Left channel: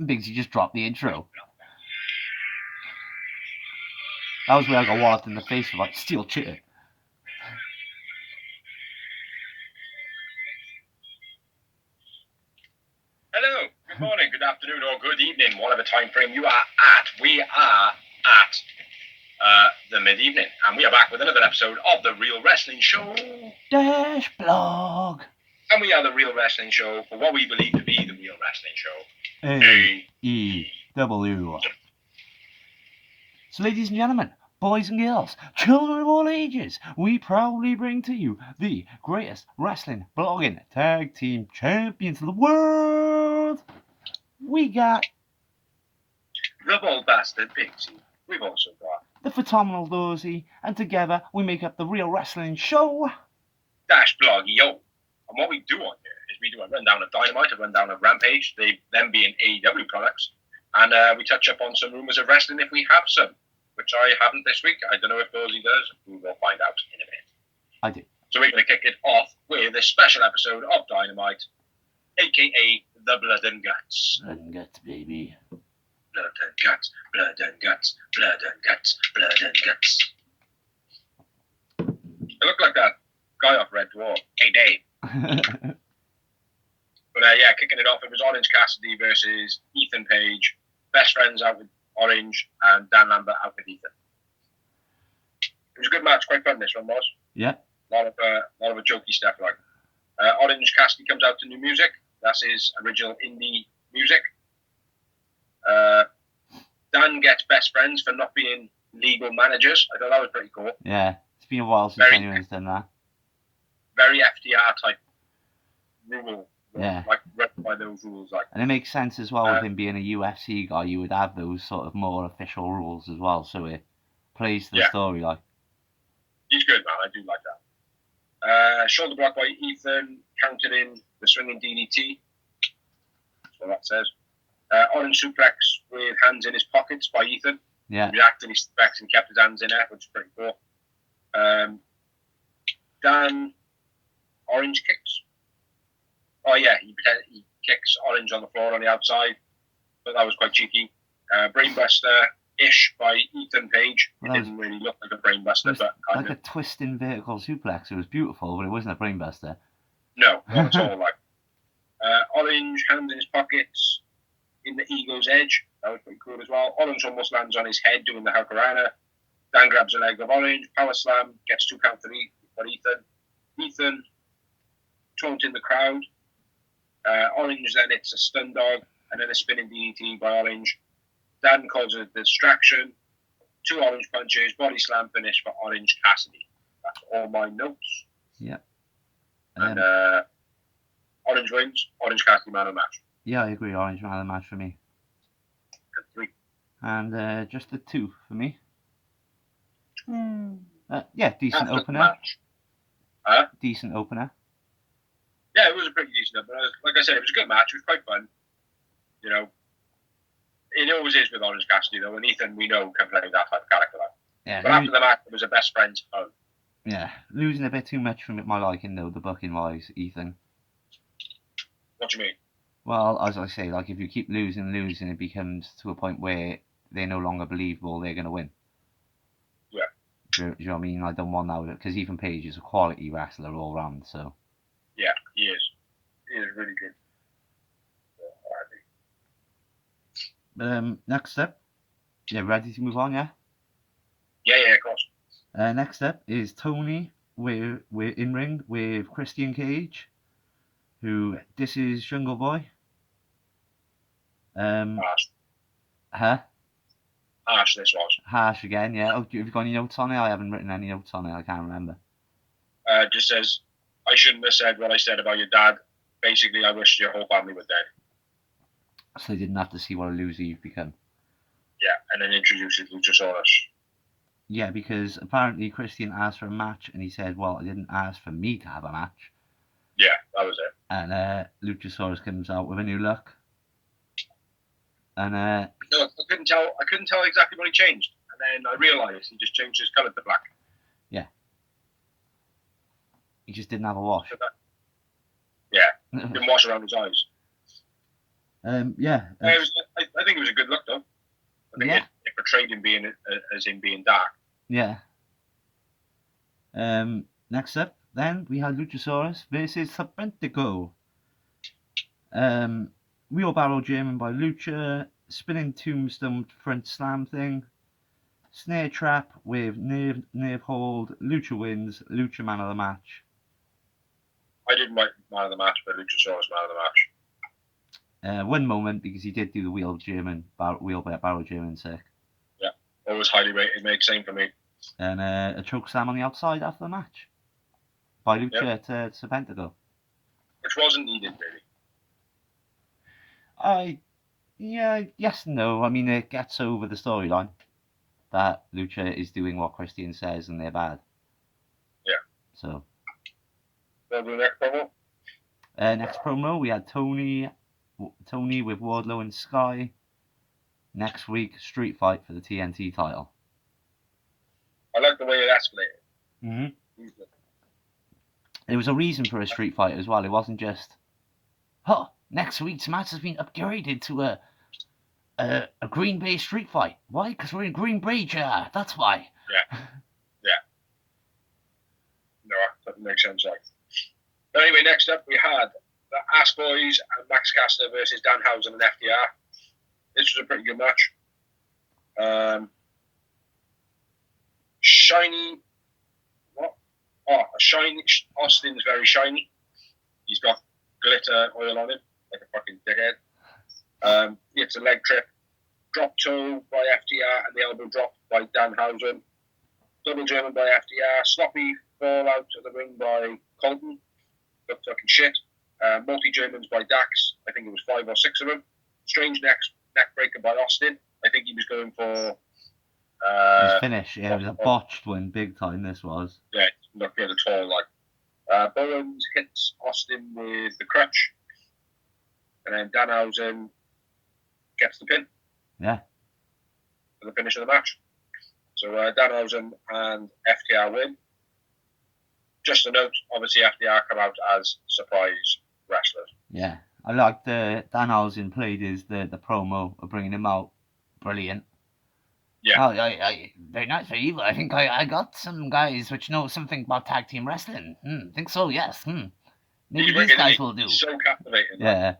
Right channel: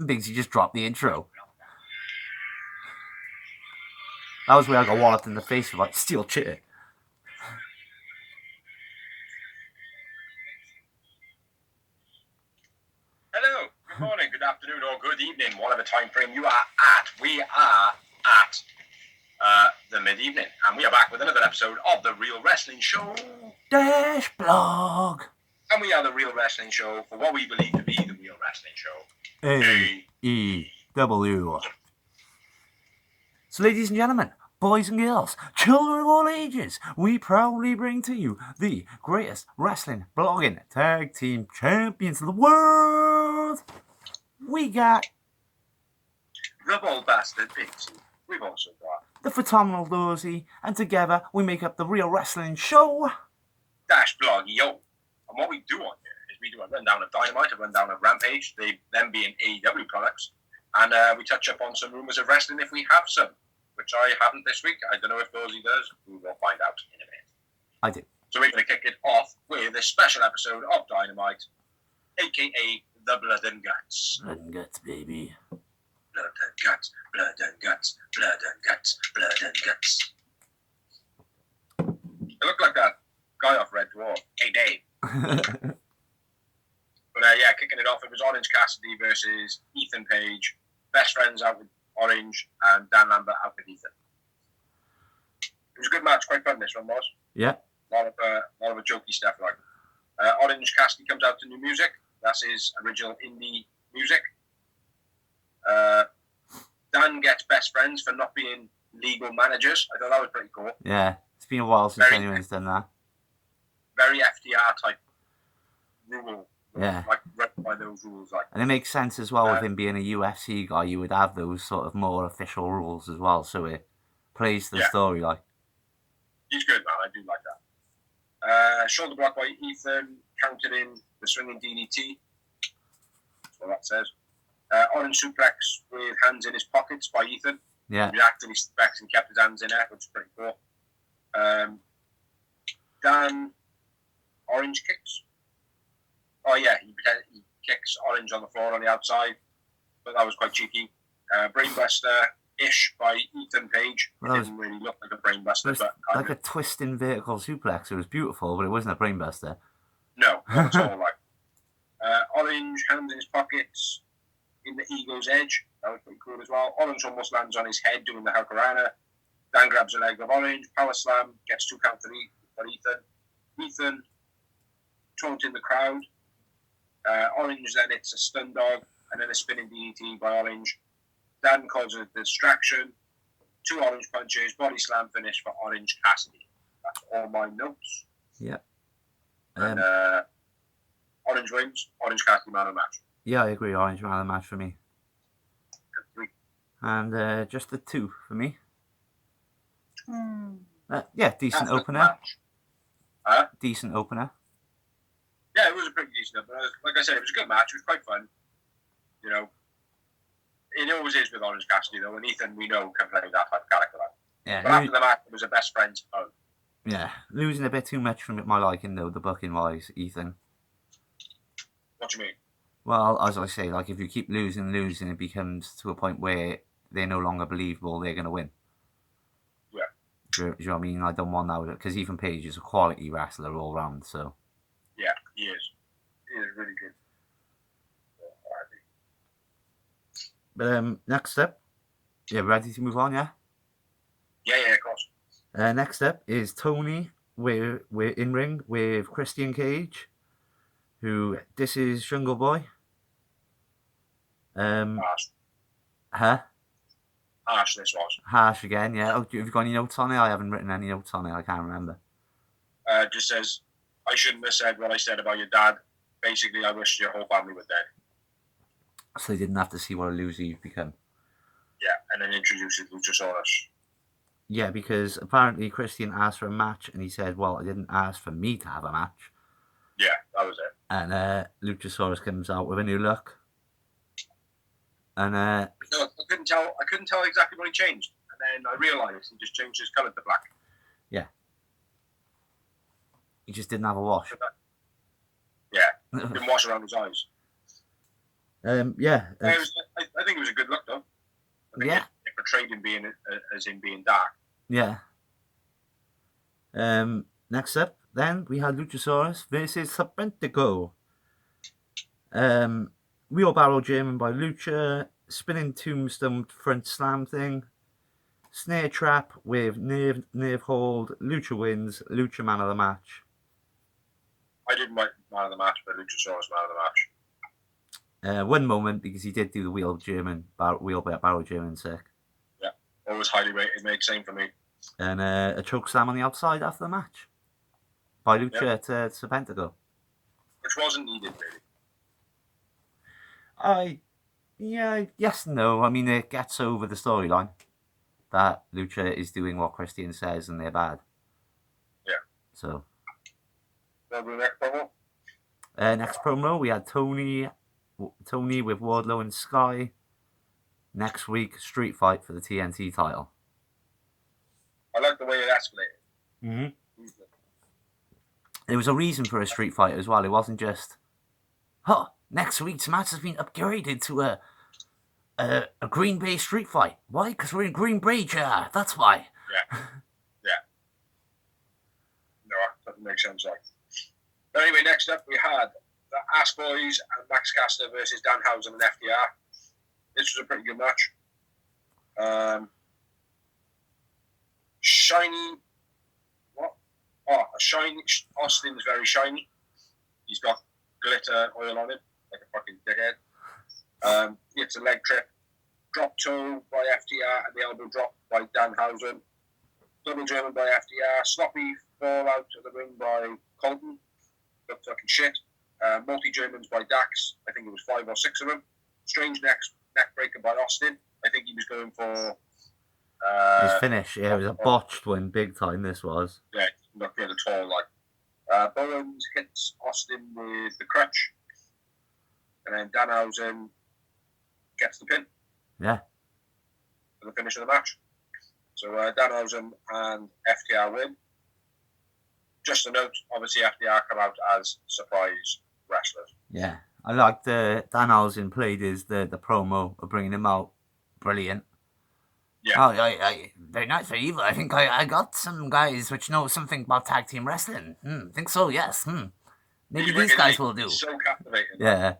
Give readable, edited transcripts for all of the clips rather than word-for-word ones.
Biggsy just dropped the intro. That was where I got walloped in the face with like steel chair. Hello, good morning, good afternoon, or good evening, whatever time frame you are at. We are at the mid-evening, and we are back with another episode of The Real Wrestling Show. Dash blog. And we are The Real Wrestling Show for what we believe to be The Real Wrestling Show. AEW. So, ladies and gentlemen, boys and girls, children of all ages, we proudly bring to you the greatest wrestling blogging tag team champions of the world. We got the Bald Bastard Biggsy. We've also got the phenomenal Dozy, and together we make up the Real Wrestling Show. Dash blog, yo. And what we do on here is we do a rundown of Dynamite, a rundown of Rampage, them being AEW products, and we touch up on some rumors of wrestling if we have some, which I haven't this week. I don't know if Dozy does. We will find out in a minute. I do. So we're going to kick it off with a special episode of Dynamite, a.k.a. The Blood and Guts. Blood and Guts, baby. Blood and guts, blood and guts, blood and guts, blood and guts. I look like that guy off Red Dwarf. Hey, Dave. But yeah, kicking it off, it was Orange Cassidy versus Ethan Page. Best friends out with Orange and Dan Lambert out with Ethan. It was a good match, quite fun this one was. Yeah. A lot of jokey stuff like. Orange Cassidy comes out to new music. That's his original indie music. Dan gets best friends for not being legal managers. I thought that was pretty cool. Yeah, it's been a while since anyone's done that. Very FDR type rule. Yeah. Like, read by those rules. Like. And it makes sense as well with him being a UFC guy, you would have those sort of more official rules as well, so it plays to the story, like. He's good, man. I do like that. Shoulder block by Ethan, counted in the swinging DDT. That's what that says. Orange suplex with hands in his pockets by Ethan. Yeah. He reacted, he suplex and kept his hands in there, which is pretty cool. Dan, Orange kicks. Oh yeah, he kicks Orange on the floor on the outside, but that was quite cheeky. Brainbuster-ish by Ethan Page. It didn't really look like a brainbuster, but like a twisting vertical suplex. It was beautiful, but it wasn't a brainbuster. No, not at all. Like Orange, hand in his pockets. In the ego's edge. That was pretty cool as well. Orange almost lands on his head doing the Hurricanrana. Dan grabs a leg of Orange. Power slam. Gets 2 count for Ethan. Ethan taunting in the crowd. Orange then hits a stun dog and then a spinning DDT by Orange. Dan calls it a distraction. 2 Orange punches. Body slam finish for Orange Cassidy. That's all my notes. Yep. And Orange wins. Orange Cassidy man of the match. Yeah, I agree. Orange man of the match for me. 3. And just a 2 for me. Yeah, decent opener. Decent opener. Yeah, it was a pretty decent opener. Like I said, it was a good match. It was quite fun. You know, it always is with Orange Cassidy, though, and Ethan, we know, can play that type of character. Yeah, but after the match, it was a best friends fun. Yeah, losing a bit too much from my liking, though, the booking-wise, Ethan. What do you mean? Well, as I say, like, if you keep losing, it becomes to a point where they're no longer believable they're going to win. Yeah. Do you know what I mean? I don't want that, because Ethan Page is a quality wrestler all round, so. Yeah, he is. He is really good. Next up. Yeah, ready to move on, yeah? Yeah, of course. Next up is Tony. We're in ring with Christian Cage. This is Jungle Boy. Harsh. Huh? Harsh, this was. Harsh again, yeah. Oh, have you got any notes on it? I haven't written any notes on it. I can't remember. Just says, I shouldn't have said what I said about your dad. Basically, I wish your whole family were dead. So they didn't have to see what a loser you've become. Yeah, and then introduces Luchasaurus. Yeah, because apparently Christian asked for a match, and he said, well, I didn't ask for me to have a match. Yeah, that was it. And Luchasaurus comes out with a new look. And no, I couldn't tell exactly what he changed. And then I realised he just changed his colour to black. Yeah. He just didn't have a wash. Yeah, didn't wash around his eyes. Yeah. It was think it was a good look, though. I think it portrayed him as him being dark. Yeah. Next up, then, we had Luchasaurus versus Serpentico. Wheelbarrow German by Lucha, spinning tombstone front slam thing, snare trap with nerve hold, Lucha wins, Lucha man of the match. I didn't write man of the match, but Luchasaurus man of the match. One moment, because he did do the wheelbarrow German sick. Yeah, always highly rated, mate, same for me. And a choke slam on the outside after the match by Lucha to Serpentico. Which wasn't needed, really. Yes and no. I mean, it gets over the storyline that Lucha is doing what Christian says and they're bad. Yeah. So. We'll do the next promo. Next promo, we had Tony with Wardlow and Sky. Next week, street fight for the TNT title. I like the way it escalated. Mm-hmm. There was a reason for a street fight as well. It wasn't just, next week's match has been upgraded to a Green Bay street fight. Why? Because we're in Green Bay, yeah. That's why. Yeah. No, that doesn't make sense. But anyway, next up we had the Ass Boys and Max Caster versus Danhausen and FDR. This was a pretty good match. Shiny. Austin's very shiny. He's got glitter oil on him, like a fucking dickhead. It's a leg trip. Drop toe by FDR and the elbow drop by Danhausen. Double German by FDR. Sloppy fall out of the ring by Colton. Got fucking shit. Multi-Germans by Dax. I think it was 5 or 6 of them. Strange neck breaker by Austin. I think he was going for... his finish. Yeah, it was a botched one, big time this was. Yeah, not good at all. Bowens hits Austin with the crutch. And then Danhausen gets the pin. Yeah. For the finish of the match. So Danhausen and FTR win. Just a note, obviously FTR come out as surprise wrestlers. Yeah. I liked Danhausen played the promo of bringing him out. Brilliant. Yeah. I very nice, very evil. I think I got some guys which know something about tag team wrestling. Think so, yes. Maybe these guys will do. So captivating. Yeah.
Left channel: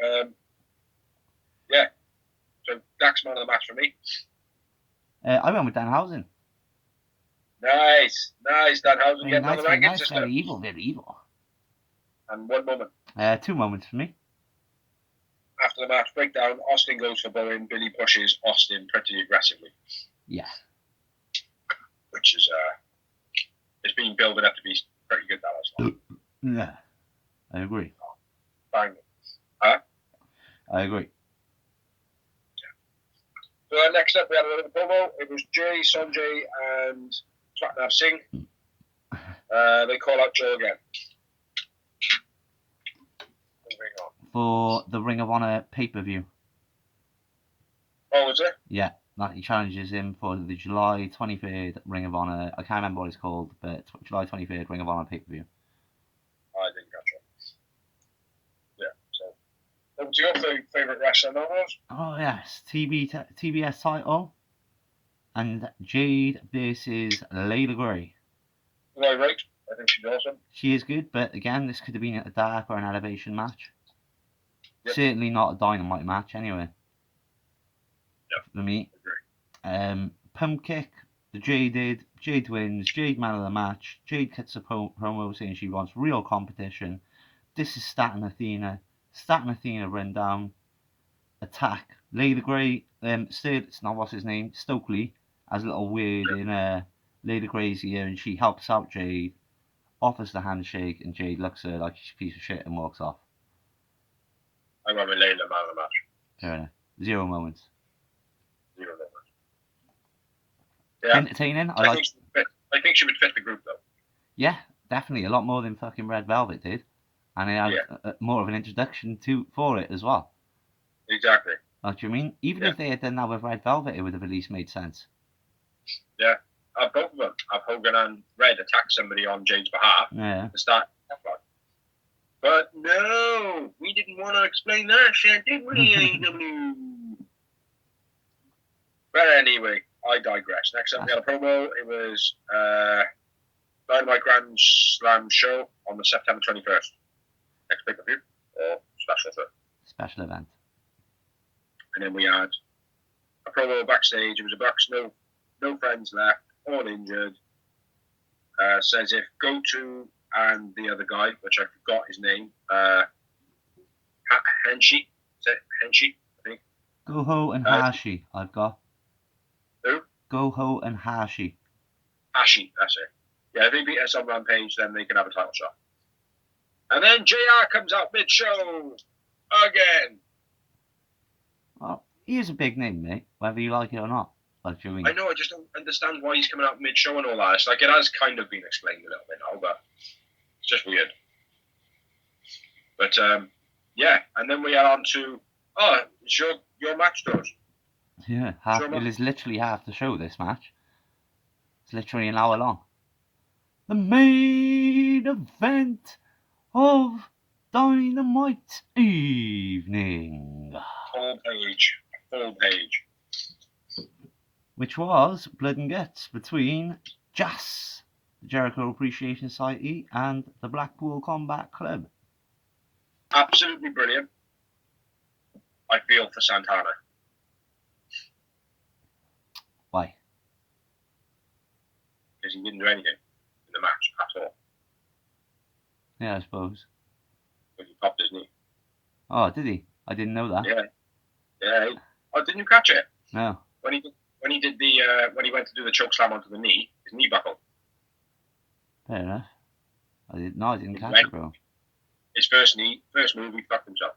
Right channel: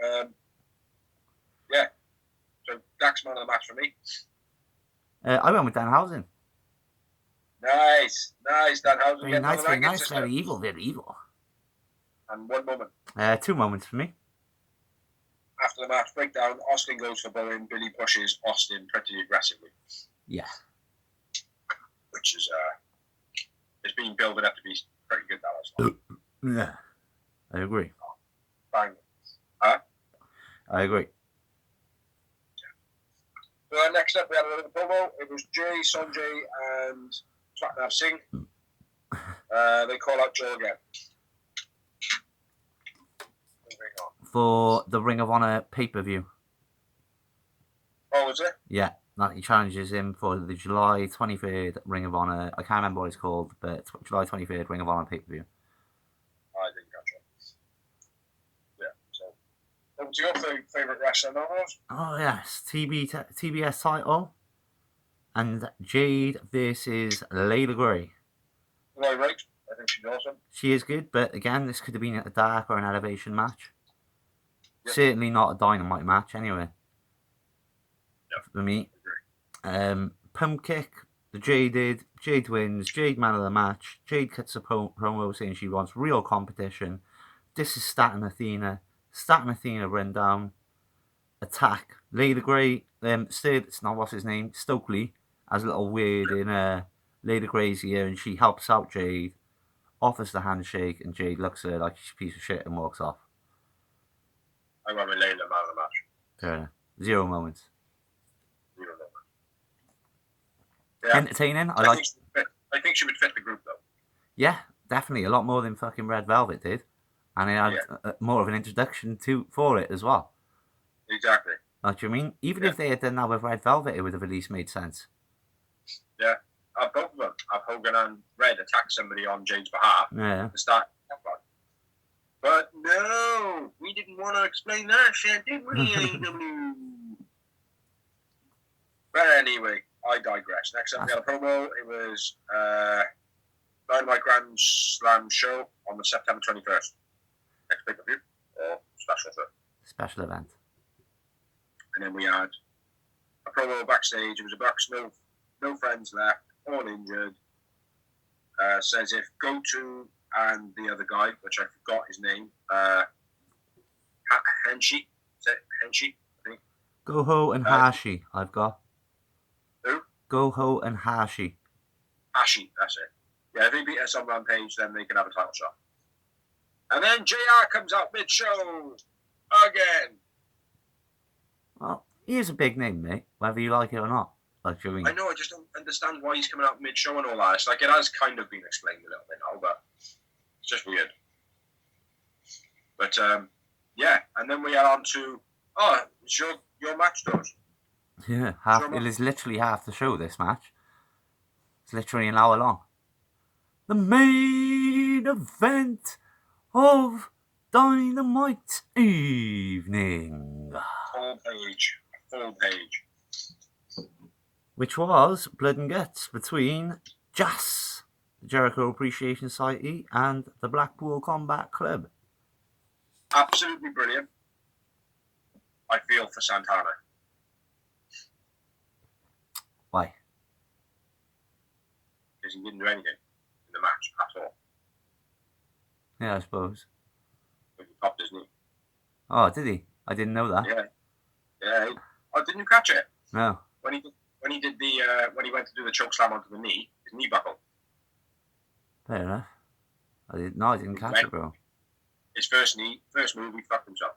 Yeah. So Dax man of the match for me. I went with Danhausen. Nice, Danhausen. Very nice, very evil. And one moment. 2 moments for me. After the match breakdown, Austin goes for Bowen. Billy pushes Austin pretty aggressively. Yeah. Which is, it's been building up to be pretty good, that was. Yeah. I agree. Bang. Huh? I agree. So next up, we had a little promo. It was Jay, Sanjay, and Satnam Singh. They call out Joe again. For the Ring of Honor pay-per-view. Oh, was it? Yeah, that he challenges him for the July 23rd Ring of Honor. I can't remember what it's called, but July 23rd Ring of Honor pay-per-view. I didn't catch it. Yeah, so. Over to your favourite wrestler, Novels? Oh, yes. TBS title. And Jade versus Layla Gray. Right. I think she's awesome. She is good, but again, this could have been a dark or an elevation match. Yep. Certainly not a Dynamite match, anyway. Yep. For me. Pump kick. The Jade wins. Jade man of the match. Jade cuts a promo saying she wants real competition. This is Staten Athena. Staten Athena run down. Attack. Layla Gray. It's not what's his name. Stokely has a little word in Layla Gray's ear, and she helps out Jade. Offers the handshake, and Jade looks at her like she's a piece of shit and walks off. I went with Layla, man of the match. Fair enough. 0 moments. 0 moments. Yeah. Entertaining. I think she would fit the group, though. Yeah, definitely. A lot more than fucking Red Velvet did. And it had more of an introduction for it as well. Exactly. Like, you mean? Even if they had done that with Red Velvet, it would have at least made sense. Yeah. Both of them. Hogan and Red attack somebody on Jade's behalf. Yeah. To start. But no, we didn't want to explain that shit, did we, AEW? But anyway, I digress. Next up, we had a promo. It was Dynamite Grand Slam show on the September 21st. Next pay-per-view or special show. Special event. And then we had a promo backstage. It was a Bucks, no friends left, all injured. Says if Goto and the other guy, which I forgot his name, Henshi, is it Henshi? I think. Goho and Hashi, I've got. Who? Goho and Hashi. Hashi, that's it. Yeah, if they beat us on Rampage, then they can have a title shot. And then JR comes out mid-show again. Well, he is a big name, mate, whether you like it or not. Like, do you mean? I know, I just don't understand why he's coming out mid-show and all that. It's like, it has kind of been explained a little bit now, but it's just weird. But, yeah, and then we are on to, it's your match, George. Yeah, it is literally half the show, this match. It's literally an hour long. The main event of Dynamite evening. Full page. Which was Blood and Guts between JAS, the Jericho Appreciation Society, and the Blackpool Combat Club. Absolutely brilliant. I feel for Santana. Why? Because he didn't do anything in the match at all. Yeah, I suppose. But he popped his knee. Oh, did he? I didn't know that. Yeah. Oh, didn't you catch it? No. When he did when he went to do the choke slam onto the knee, his knee buckled. Fair enough. I didn't catch it, bro. His first move, he fucked himself.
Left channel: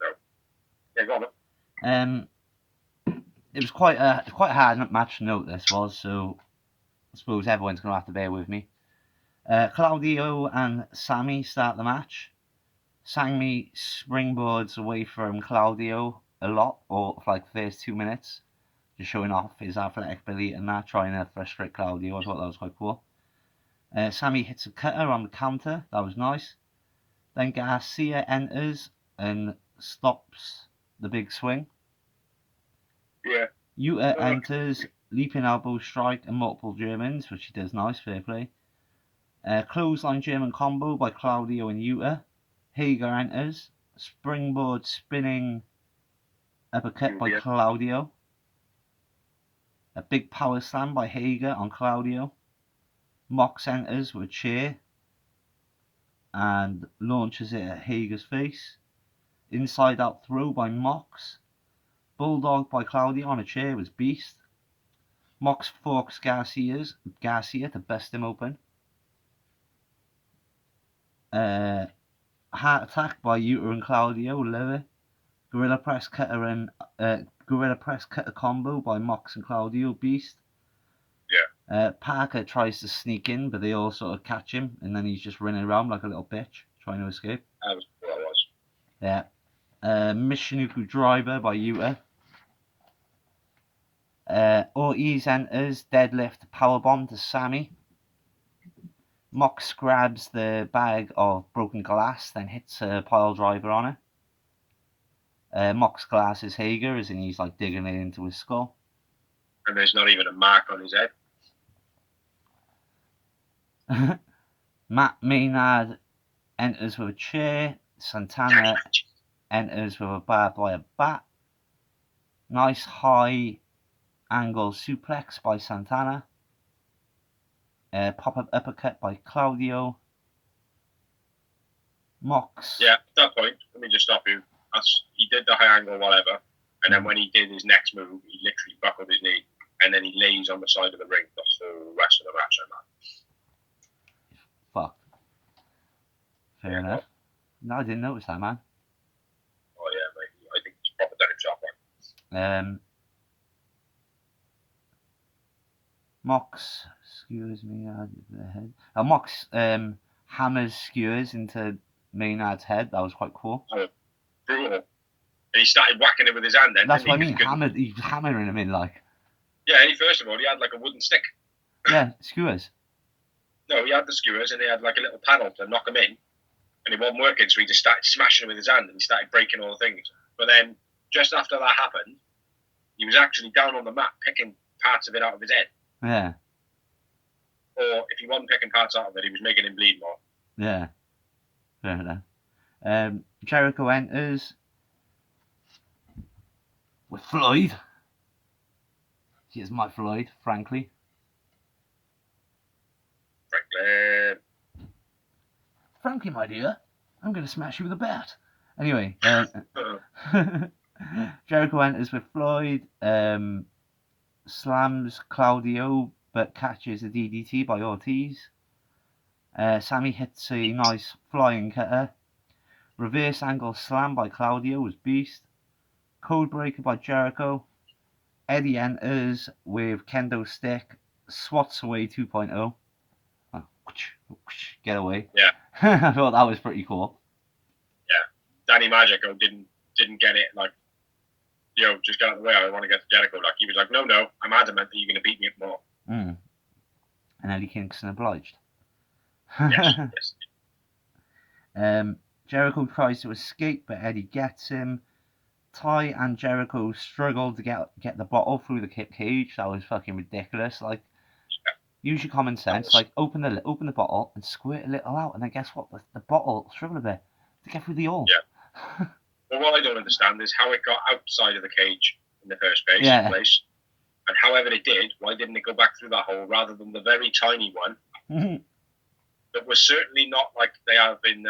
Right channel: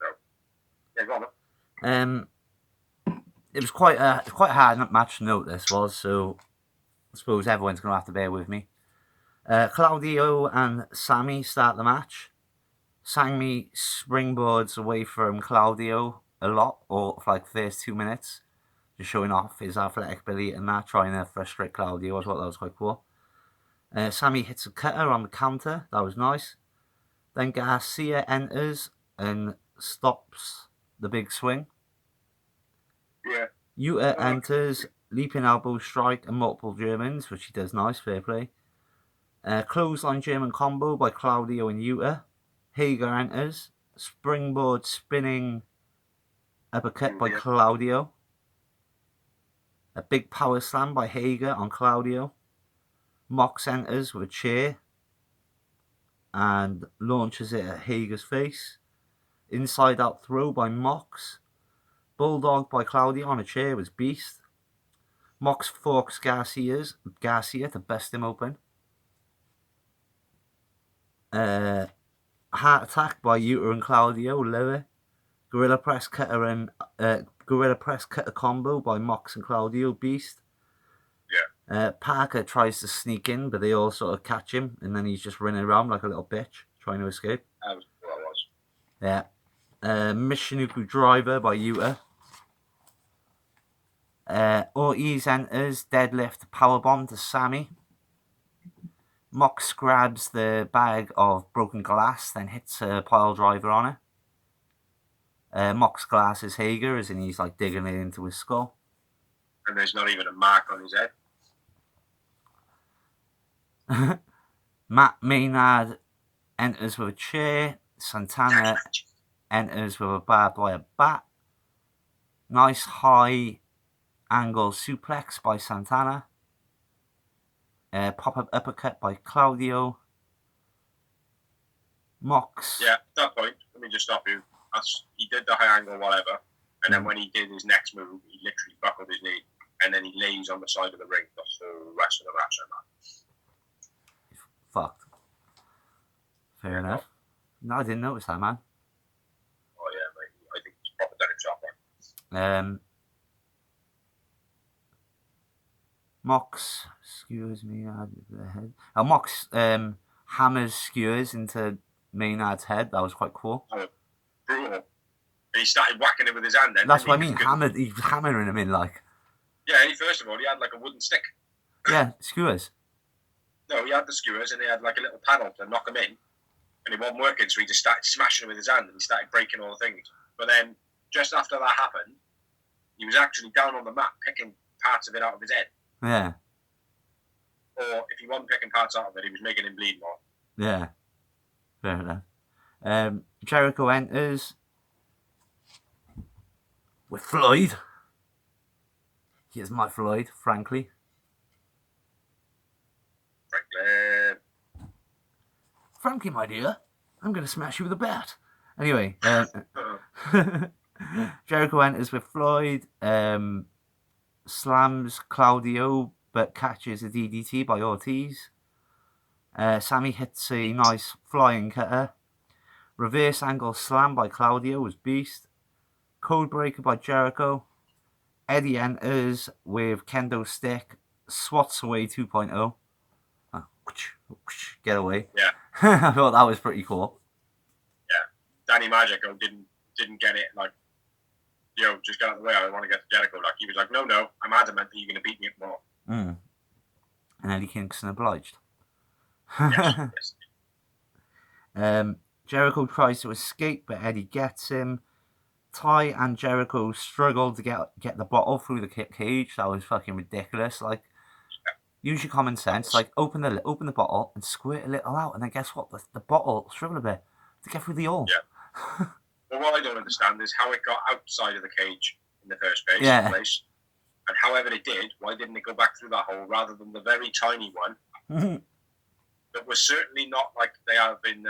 So, yeah, go on. It was quite a hard match to note, this was, so I suppose everyone's going to have to bear with me. Claudio and Sammy start the match. Sammy springboards away from Claudio a lot, or for like the first 2 minutes, just showing off his athletic ability and that, trying to frustrate Claudio. I thought that was quite cool. Sammy hits a cutter on the counter. That was nice. Then Garcia enters and stops the big swing. Yeah. Yuta enters, leaping elbow strike and multiple Germans, which he does nice, fair play. Clothesline German combo by Claudio and Yuta. Hager enters, springboard spinning uppercut by Claudio. A big power slam by Hager on Claudio. Mox enters with a chair and launches it at Hager's face. Inside out throw by Mox. Bulldog by Claudio on a chair was beast. Mox forks Garcia to bust him open. Heart attack by Yuta and Claudio, love it. Gorilla press cutter combo by Mox and Claudio, beast. Yeah. Parker tries to sneak in, but they all sort of catch him, and then he's just running around like a little bitch, trying to escape. That was what I was. Yeah. Michinoku driver by Yuta. Ortiz enters, deadlift powerbomb to Sammy. Mox grabs the bag of broken glass, then hits a pile driver on it. Mox glasses Hager as in he's like digging it into his skull. And there's not even a mark on his head. Matt Maynard enters with a chair. Santana enters with a barbed wire bat. Nice high angle suplex by Santana. Pop-up uppercut by Claudio. Mox. Yeah, at that point, let me just stop you. He did the high angle, whatever, and then when he did his next move, he literally buckled his knee, and then he lays on the side of the ring the whole rest of the match. Fucked. Fair enough. No, I didn't notice that, man. Oh yeah, mate. I think it's proper done himself, man. Mox skewers me out of the head. Mox hammers skewers into Maynard's head. That was quite cool. Oh, brutal. And he started whacking it with his hand then. That's what I mean. He's hammering him in like. Yeah, first of all, he had like a wooden stick. Yeah, skewers. No, he had the skewers and he had like a little panel to knock him in, and it wasn't working, so he just started smashing it with his hand and he started breaking all the things. But then, just after that happened, he was actually down on the mat picking parts of it out of his head. Yeah. Or if he wasn't picking parts out of it, he was making him bleed more. Yeah. Fair enough. Jericho enters with Floyd. Here's my Floyd, frankly. Frankly, my dear, I'm going to smash you with a bat. Anyway, Jericho enters with Floyd, slams Claudio, but catches a DDT by Ortiz. Sammy hits a nice flying cutter. Reverse angle slam by Claudio was beast. Code breaker by Jericho. Eddie enters with kendo stick, swats away 2.0. Oh, get away. Yeah. I thought that was pretty cool. Yeah. Danny Magico didn't get it, like, just get out of the way, I want to get to Jericho. Like, he was like, no, I'm adamant that you're going to beat me up more. And Eddie Kingston obliged. Yes. Jericho tries to escape, but Eddie gets him. Ty and Jericho struggle to get the bottle through the cage. That was fucking ridiculous. Like, use your common sense. Like, open the bottle and squirt a little out, and then guess what? The bottle struggled a bit to get through the hole. Yeah. Well, what I don't understand is how it got outside of the cage in the first place. And however it did, why didn't it go back through that hole rather than the very tiny one that was certainly not like they have in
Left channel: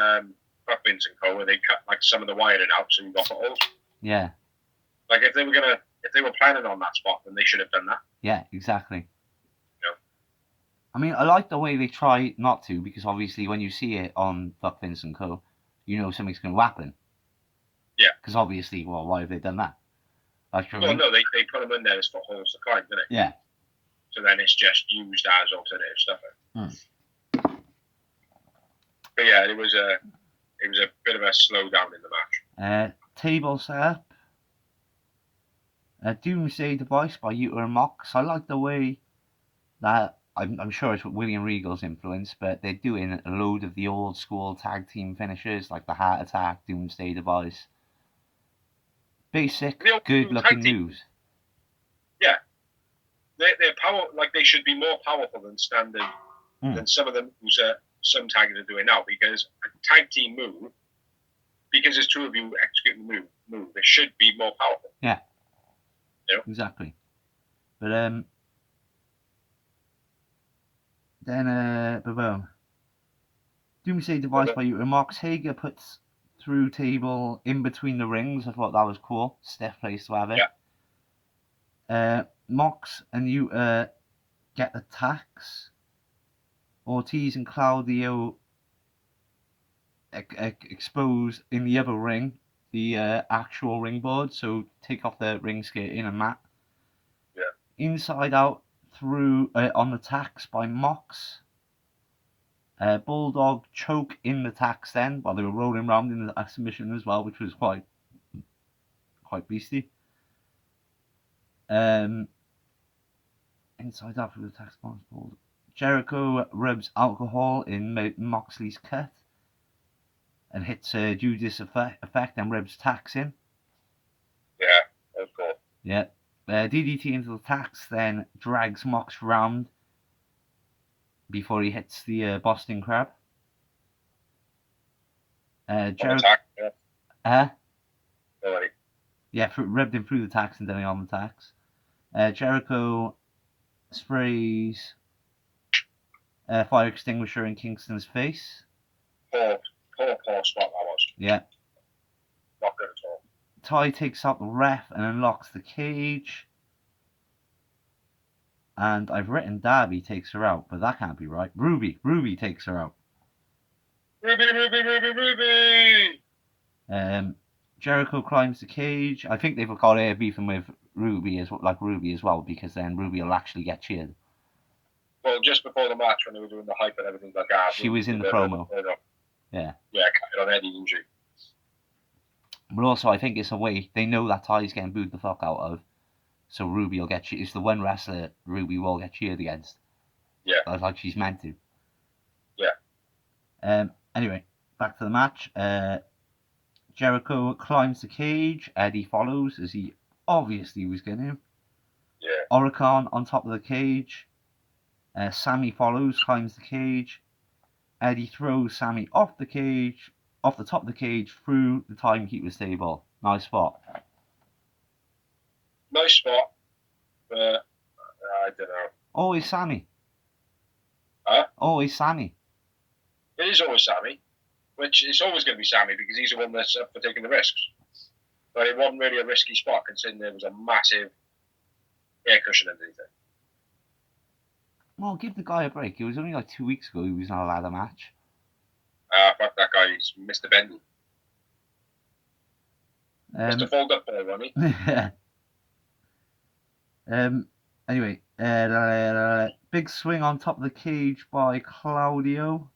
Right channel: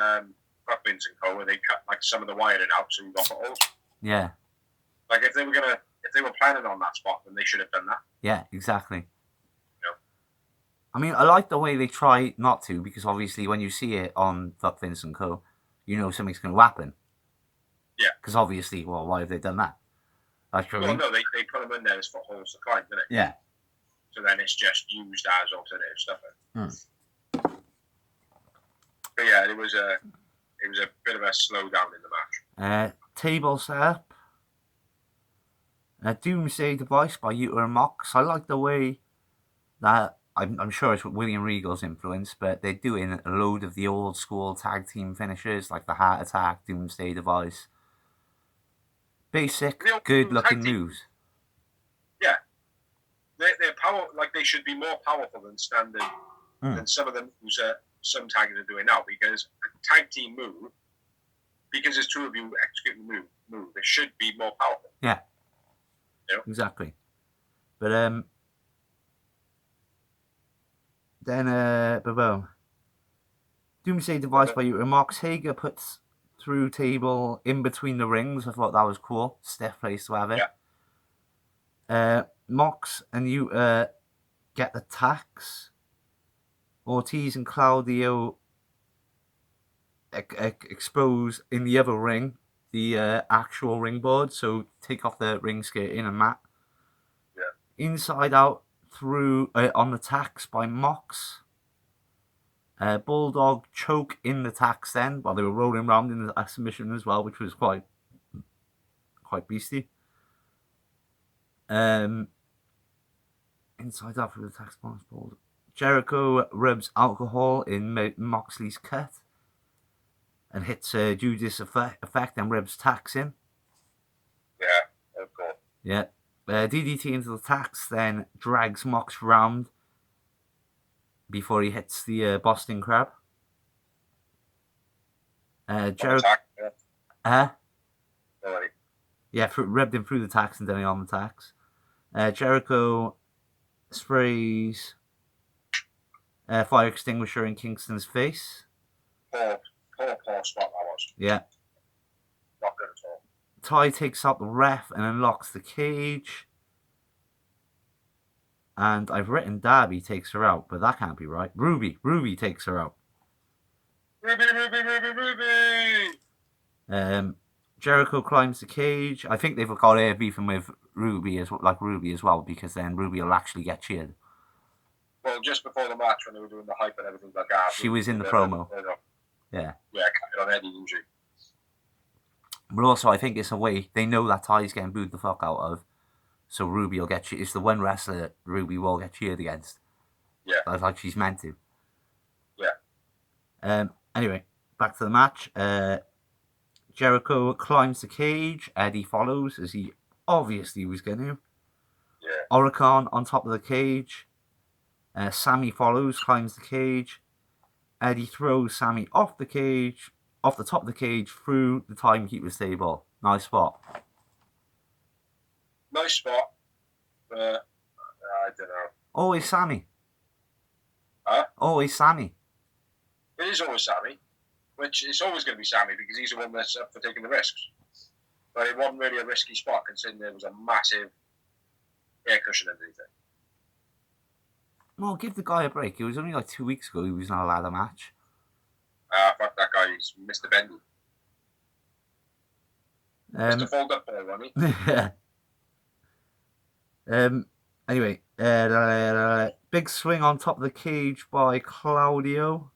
Buckmin's and Co, where they cut like some of the wiring out so you got the holes. Yeah. Like if they were planning on that spot, then they should have done that. Yeah, exactly. I mean, I like the way they try not to, because obviously when you see it on Fuck Vince and Co, you know something's going to happen. Yeah. Because obviously, well, why have they done that? Well, no, they put them in there as footholds to climb, didn't it? Yeah. So then it's just used as alternative stuff. But yeah, it was a bit of a slowdown in the match. Table set up. Doomsday Device by Utah and Mox. I like the way that, I'm sure it's William Regal's influence, but they're doing a load of the old school tag team finishes, like the Heart Attack, Doomsday Device. Basic, good looking moves. Yeah. They're they should be more powerful than standard than some of them some tags are doing now, because a tag team move, because there's two of you executing the move, it should be more powerful. Yeah. Exactly. But then Doomsday Device by Utah Mox. Hager puts through table in between the rings. I thought that was cool. Stiff place to have it. Yeah. Mox and Utah get the tax. Ortiz and Claudio expose in the other ring the actual ring board, so take off the ring skirting and mat. Yeah. Inside out through on the tax by Mox. Bulldog choke in the tax then while they were rolling around in the submission as well, which was quite beastie. Inside out through the tax box. Jericho rubs alcohol in Moxley's cut and hits Judas effect and rubs tax in. Yeah, that was cool. Yeah. DDT into the tax, then drags Mox round before he hits the Boston Crab. Jericho. Yeah, rubbed him through the tax and then on the tax. Jericho sprays fire extinguisher in Kingston's face. Poor spot that was. Yeah. Not good at all. Ty takes out the ref and unlocks the cage. And I've written Darby takes her out, but that can't be right. Ruby takes her out. Ruby! Jericho climbs the cage. I think they've got air beefing with Ruby as well, because then Ruby will actually get cheered. Well, just before the match, when they were doing the hype and everything like that, she was in the promo. Yeah, carried on Eddie injury. But also, I think it's a way they know that Ty's getting booed the fuck out of, so Ruby will get cheered. It's the one wrestler Ruby will get cheered against. Yeah, that's like she's meant to. Anyway, back to the match. Jericho climbs the cage. Eddie follows, as he obviously was going to. Yeah. Oricon on top of the cage. Sammy follows, climbs the cage. Eddie throws Sammy off the top of the cage, through the timekeeper's table. Nice spot. Nice spot, but I don't know. Always Sammy. Huh? Always Sammy. It is always Sammy, which it's always going to be Sammy because he's the one that's up for taking the risks. But it wasn't really a risky spot considering there was a massive air cushion underneath it. Well, give the guy a break. It was only like 2 weeks ago he was not allowed a match. Fuck that guy. He's Mr. Bendy. Mr. Fold Up Ball, wasn't he? Anyway, big swing on top of the cage by Claudio.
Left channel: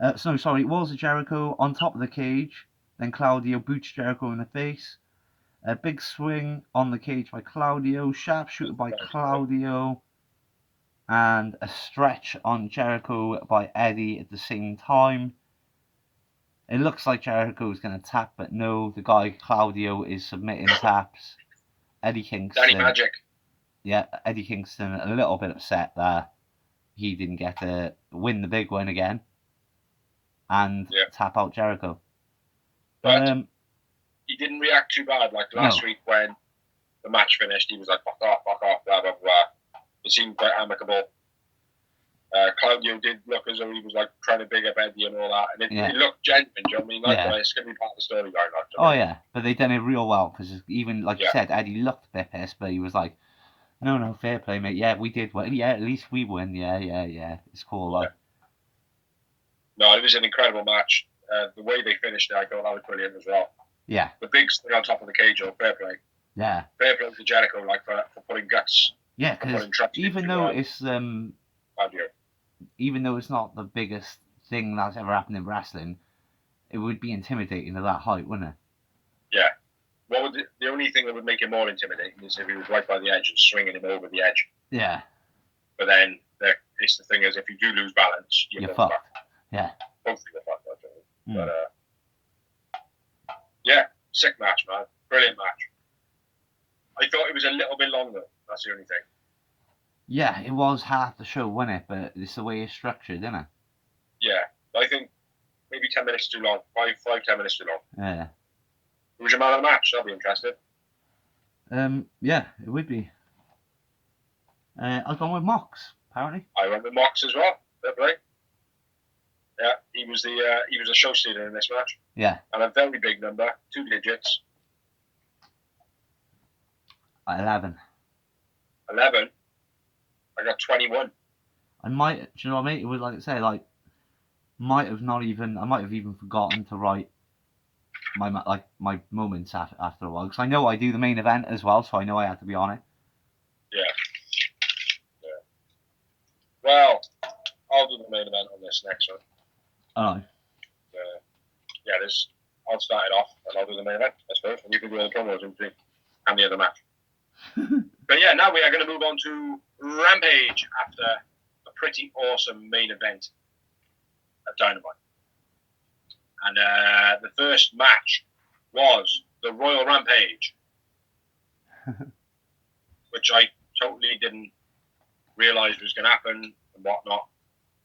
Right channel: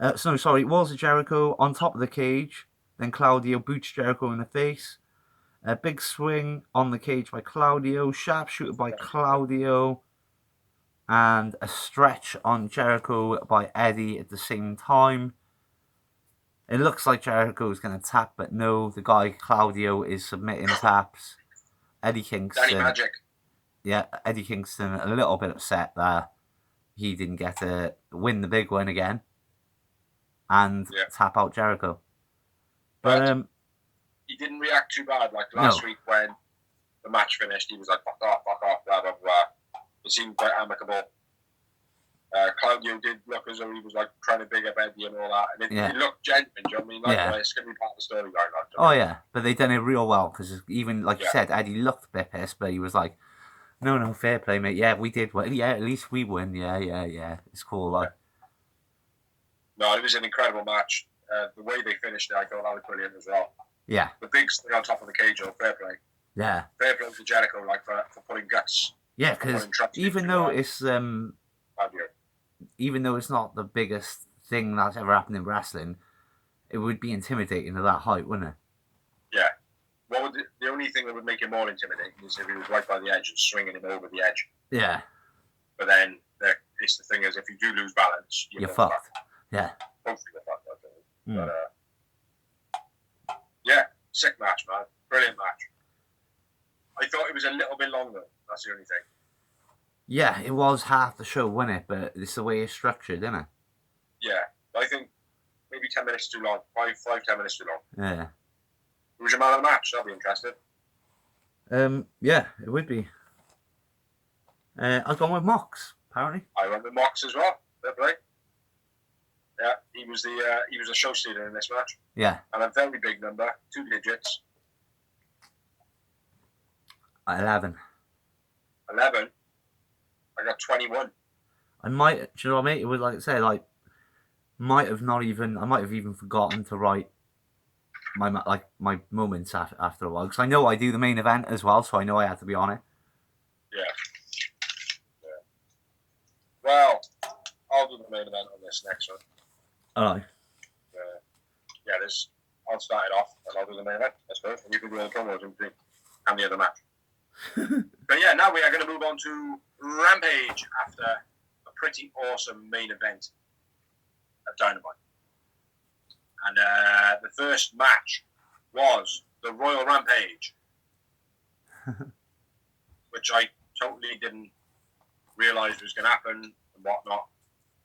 Walls of Jericho on top of the cage. Then Claudio boots Jericho in the face. A big swing on the cage by Claudio. Sharpshooter by Claudio. And a stretch on Jericho by Eddie at the same time. It looks like Jericho's going to tap, but no, the guy Claudio is submitting taps. Eddie Kingston. Danny Magic. Yeah, Eddie Kingston a little bit upset that he didn't get to win the big one again and tap out Jericho. But he didn't react too bad like last week when the match finished. He was like, fuck off, blah, blah, blah. It seemed quite amicable. Claudio did look as though he was like trying to big up Eddie and all that, and it looked genuine. Do you know what I mean? Like, it's going to be part of the storyline. Yeah, but they done it real well because even like you said, Eddie looked a bit pissed, but he was like, "No, fair play, mate. Yeah, we did win. Yeah, at least we win. Yeah. It's cool, like." No, it was an incredible match. The way they finished it, I thought that was brilliant as well. Yeah. The big thing on top of the cage, fair play. Yeah. Fair play to Jericho, like for putting guts. Yeah, because even though it's even though it's not the biggest thing that's ever happened in wrestling, it would be intimidating at that height, wouldn't it? Yeah. What would the only thing that would make it more intimidating is if he was right by the edge and swinging him over the edge. Yeah. But then it's the thing is, if you do lose balance, you're fucked. Yeah. Hopefully you're fucked, actually. But yeah, sick match, man. Brilliant match. I thought it was a little bit longer. That's the only thing. Yeah, it was half the show, wasn't it? But it's the way it's structured, isn't it? Yeah, I think maybe 10 minutes too long. 10 minutes too long. Yeah. Who's your man of the match? I'll be interested. Yeah, it would be. I've gone with Mox, apparently. I went with Mox as well. Fair play. Yeah, he was a show stealer in this match. Yeah. And a very big number, 2 digits. 11. 11. I got 21. I might, do you know what I mean? It was like I say, like, I might have even forgotten to write my moments after a while, because I know I do the main event as well, so I know I had to be on it. Yeah. Well, I'll do the main event on this next one. Oh. Yeah, I'll start it off and I'll do the main event, I suppose, and you can do the promos in between and the other match. But yeah, now we are going to move on to Rampage after a pretty awesome main event at Dynamite. And the first match was the Royal Rampage, which I totally didn't realise was going to happen and whatnot.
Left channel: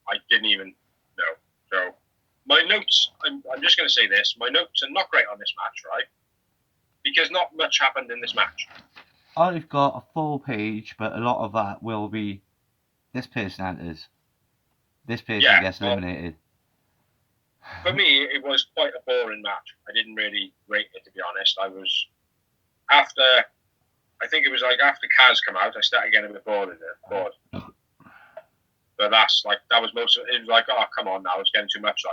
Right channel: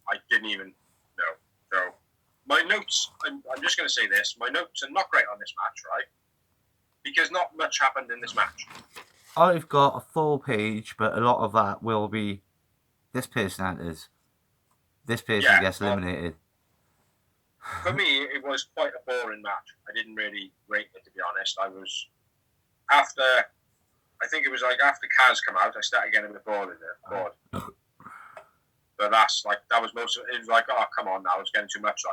I didn't even know. So my notes, I'm just going to say this, my notes are not great on this match, right? Because not much happened in this match. I've got a full page, but a lot of that will be this person enters. This person gets eliminated. For me, it was quite a boring match. I didn't really rate it, to be honest. After Kaz come out, I started getting a bit bored. But that was most of it. It was like, oh, come on now, it's getting too much.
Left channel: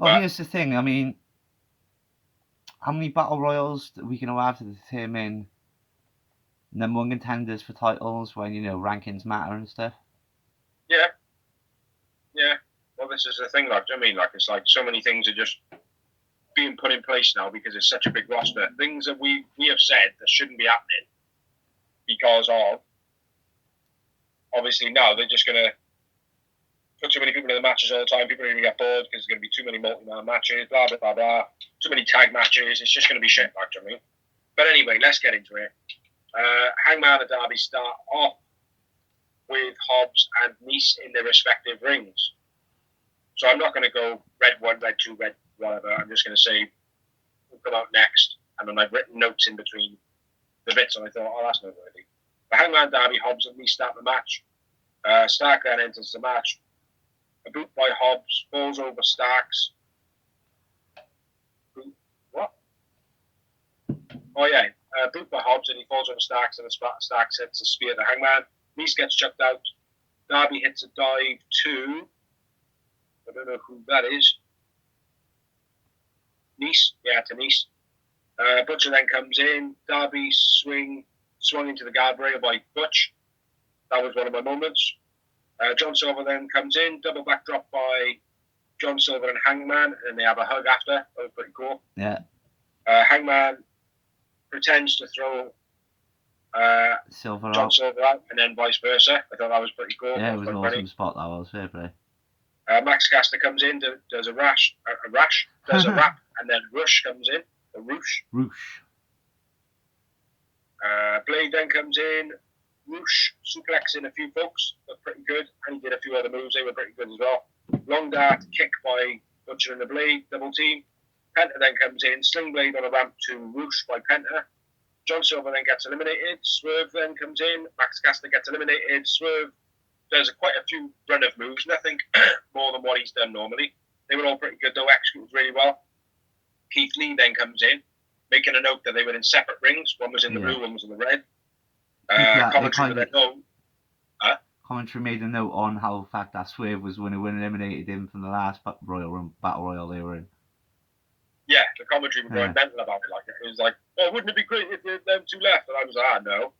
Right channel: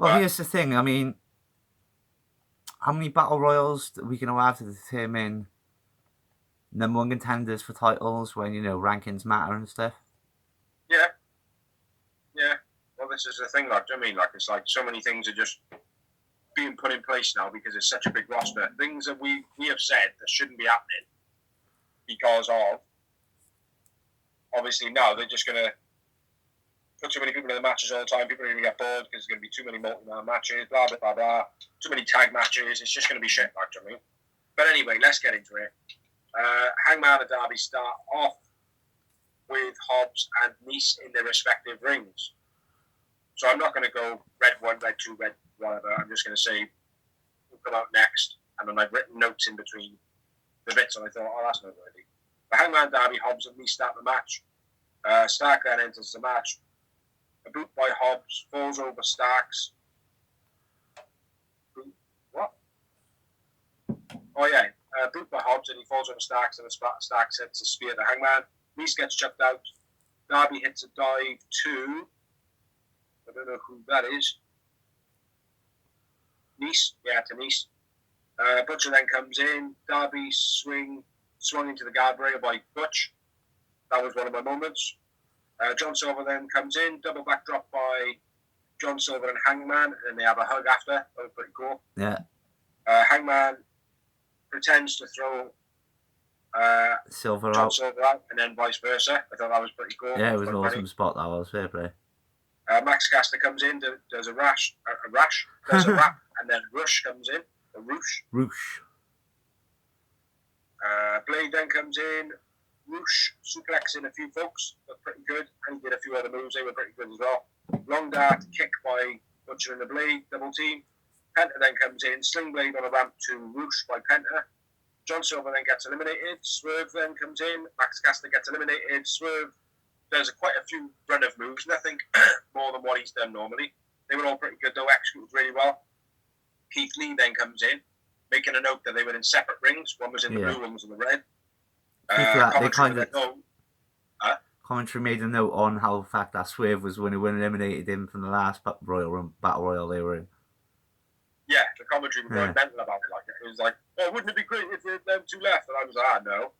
Well, here's the thing. I mean, how many battle royals are we going to have to determine number one contenders for titles when, rankings matter and stuff? Yeah. Well, this is the thing, it's like so many things are just being put in place now because it's such a big roster. Things that we have said that shouldn't be happening because of, obviously now they're just going to put too many people in the matches all the time. People are going to get bored because there's going to be too many multi-man matches, blah, blah, blah, blah. Too many tag matches. It's just going to be shit, actually. But anyway, let's get into it. Hangman and Darby start off with Hobbs and Nice in their respective rings. So I'm not going to go red 1, red 2, red whatever. I'm just going to say who'll come out next. And then I've written notes in between the bits, and I thought, oh, that's noteworthy. But Hangman, Darby, Hobbs and Nice start the match. Stark then enters the match. A boot by Hobbs, falls over Starks. What? Oh, yeah. Boot by Hobbs, and he falls over Starks, and Starks hits a spear to Hangman. Nice gets chucked out. Darby hits a dive to... I don't know who that is. Nice? Yeah, to Nice. Butcher then comes in. Darby swung into the guardrail by Butch. That was one of my moments. John Silver then comes in. Double backdrop by John Silver and Hangman, and they have a hug after. That was pretty cool. Yeah. Hangman pretends to throw Silver John out. Silver out, and then vice versa. I thought that was pretty cool. Yeah, it was an awesome funny. spot, that was. Fair play. Max Caster comes in, does a rash, does a rap, and then Rush comes in. A Roosh. Roosh. Blade then comes in. Roosh suplexing a few folks. Looked pretty good. And he did a few other moves. They were pretty good as well. Long dart kick by Butcher and the Blade. Double team. Penta then comes in. Sling Blade on a ramp to Roosh by Penta. John Silver then gets eliminated. Swerve then comes in. Max Caster gets eliminated. Swerve does quite a few run of moves. Nothing more than what he's done normally. They were all pretty good though. Executed really well. Keith Lee then comes in, making a note that they were in separate rings. One was in the blue, one was in the red. Commentary made a note on how the fact that Swerve was when he eliminated him from the last Battle Royal they were in. Yeah, the commentary was going mental about it. Like it was like, oh, wouldn't it be great if them two left? And I was like, no,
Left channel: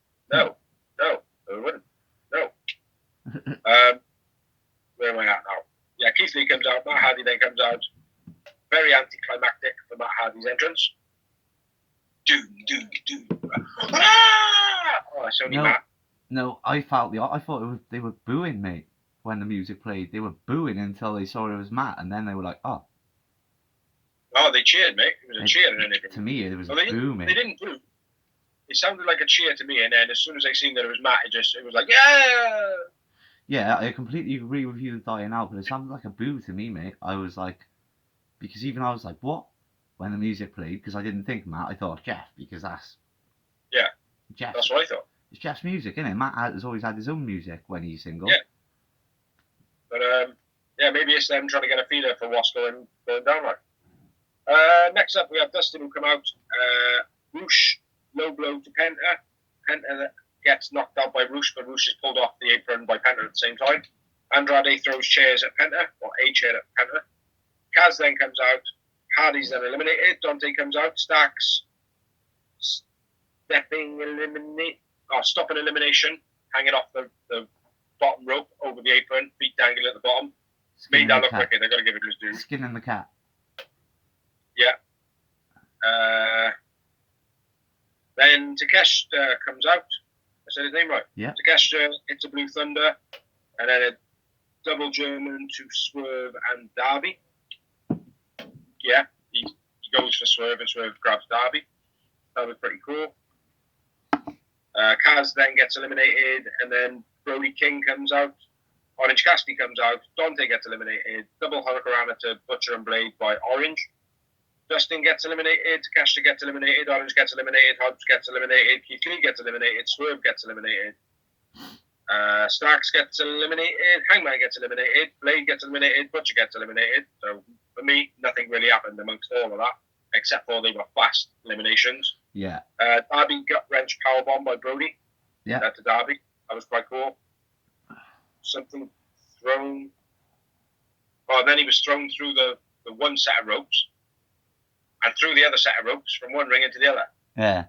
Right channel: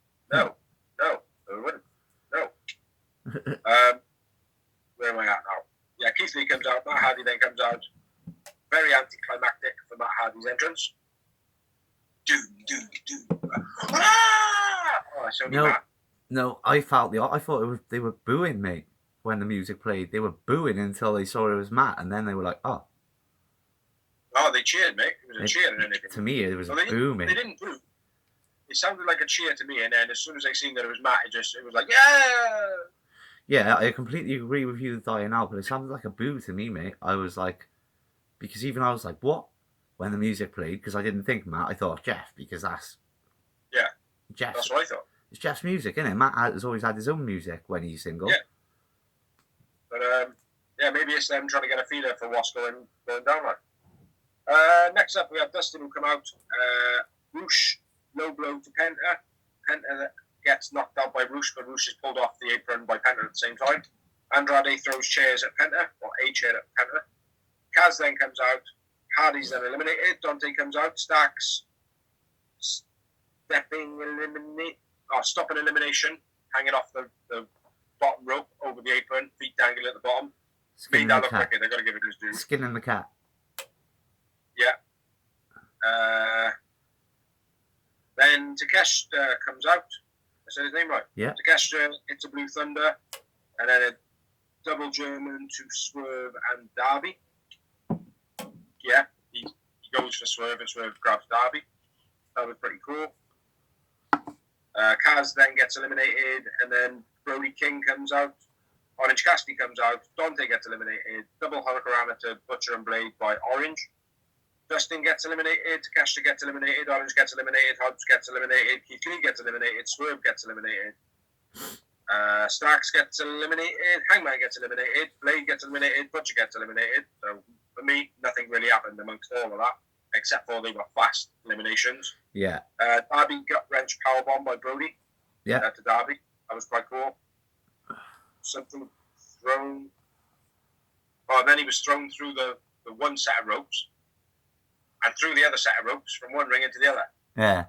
it wouldn't. No. Where am I at now? Yeah, Keith Lee comes out. Matt Hardy then comes out. Very anticlimactic for Matt Hardy's entrance. Ah! Oh, it's only Matt. No, I thought they were booing, mate, when the music played. They were booing until they saw it was Matt, and then they were like, oh. Oh, they cheered, mate. It was a cheer. And then to me, it was a boo, mate. They didn't boo. It sounded like a cheer to me, and then as soon as I seen that it was Matt, it was like, yeah! Yeah, I completely agree with you dying out, but it sounded like a boo to me, mate. I was like, because even I was like, what? When the music played, because I didn't think Matt, I thought Jeff, because that's... Yeah, Jeff. That's what I thought. It's Jeff's music, isn't it? Matt has always had his own music when he's single. Yeah. But, maybe it's them trying to get a feeler for what's going down like. Next up, we have Dustin who come out. Roosh, low blow to Penta. Penta gets knocked out by Roosh, but Roosh is pulled off the apron by Penta at the same time. Andrade throws chairs at Penta, or a chair at Penta. Kaz then comes out. Hardy's then eliminated. Dante comes out. Starks stopping elimination, hanging off the bottom rope over the apron, feet dangling at the bottom. Made that look wicked. They've got to give it his due. Skinning the cat. Yeah. Then Takeshita comes out. I said his name right. Yeah. Takeshita hits a Blue Thunder, and then a double German to Swerve and Darby. Yeah, he goes for Swerve and Swerve grabs Darby. That was pretty cool. Kaz then gets eliminated, and then Brody King comes out. Orange Cassidy comes out. Dante gets eliminated. Double Hurricanrana to Butcher and Blade by Orange. Dustin gets eliminated. Takeshita gets eliminated. Orange gets eliminated. Hobbs gets eliminated. Keith Lee gets eliminated. Swerve gets eliminated. Starks gets eliminated. Hangman gets eliminated. Blade gets eliminated. Butcher gets eliminated. So for me, nothing really happened amongst all of that, except for they were fast eliminations. Yeah. Darby gut wrench powerbomb by Brody. Yeah. To Darby. That was quite cool. Something thrown. Oh, then he was thrown through the one set of ropes and through the other set of ropes from one ring into the other. Yeah.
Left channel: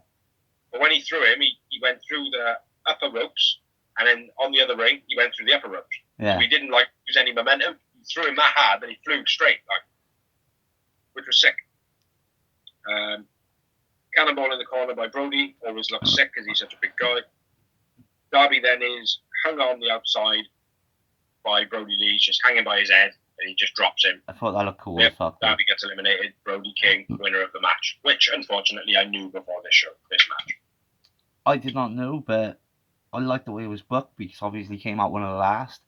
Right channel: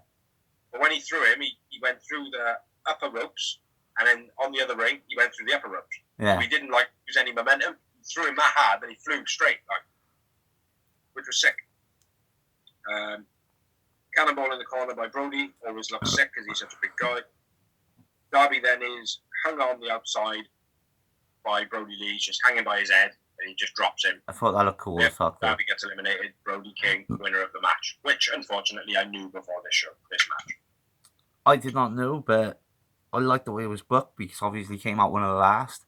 But when he threw him, he went through the upper ropes, and then on the other ring, he went through the upper ropes. Yeah. So he didn't use any momentum. He threw him that hard, and he flew straight, which was sick. Cannonball in the corner by Brody, always looks sick because he's such a big guy. Darby then is hung on the outside. by Brody Lee. He's just hanging by his head, and he just drops him. I thought that looked cool as fuck. Darby gets eliminated. Brody King, winner of the match, which unfortunately I knew before this match. I did not know, but I liked the way it was booked because obviously he came out one of the last.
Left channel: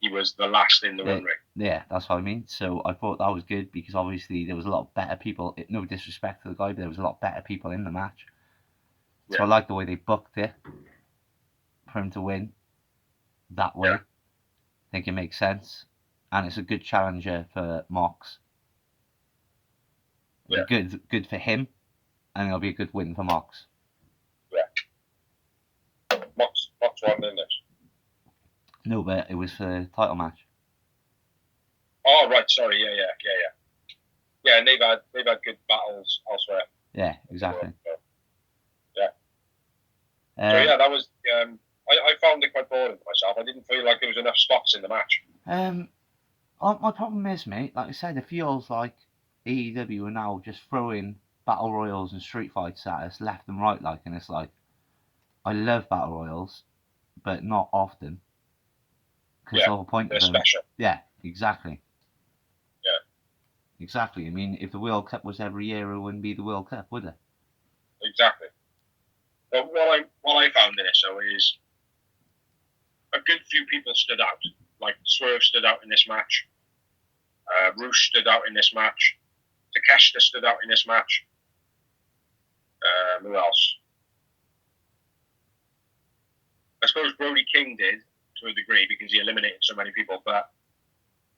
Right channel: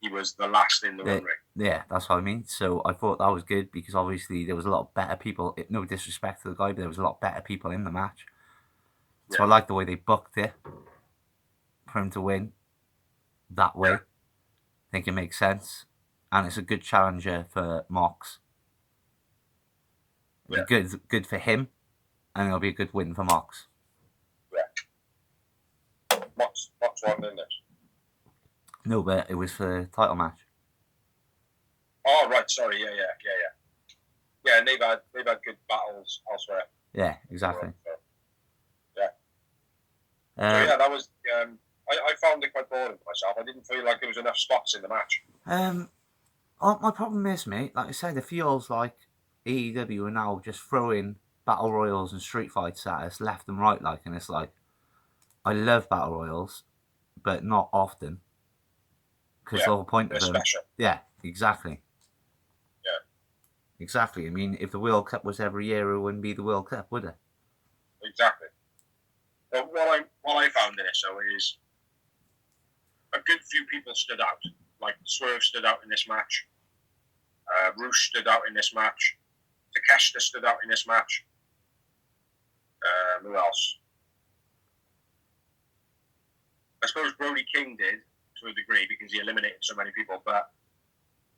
He was the last in the ring. Yeah, that's what I mean. So I thought that was good because obviously there was a lot of better people. No disrespect to the guy, but there was a lot better people in the match. So I like the way they booked it for him to win that way. I think it makes sense. And it's a good challenger for Mox. Yeah. Good for him. And it'll be a good win for Mox. Yeah. Mox won, didn't it? No, but it was for the title match. Oh, right. Sorry. Yeah. Yeah, and they've had good battles elsewhere. Yeah, exactly. That was. I found it quite boring for myself. I didn't feel like there was enough spots in the match. My problem is, mate, like I said, it feels like AEW are now just throwing battle royals and street fights at us left and right, and it's like, I love battle royals, but not often. Because the whole point of them. Special. Yeah, exactly. Yeah. Exactly. I mean, if the World Cup was every year, it wouldn't be the World Cup, would it? Exactly. But what I found in it, so is a good few people stood out. Like Swerve stood out in this match. Roosh stood out in this match. Takeshita stood out in this match. Who else? I suppose Brody King did to a degree because he eliminated so many people, but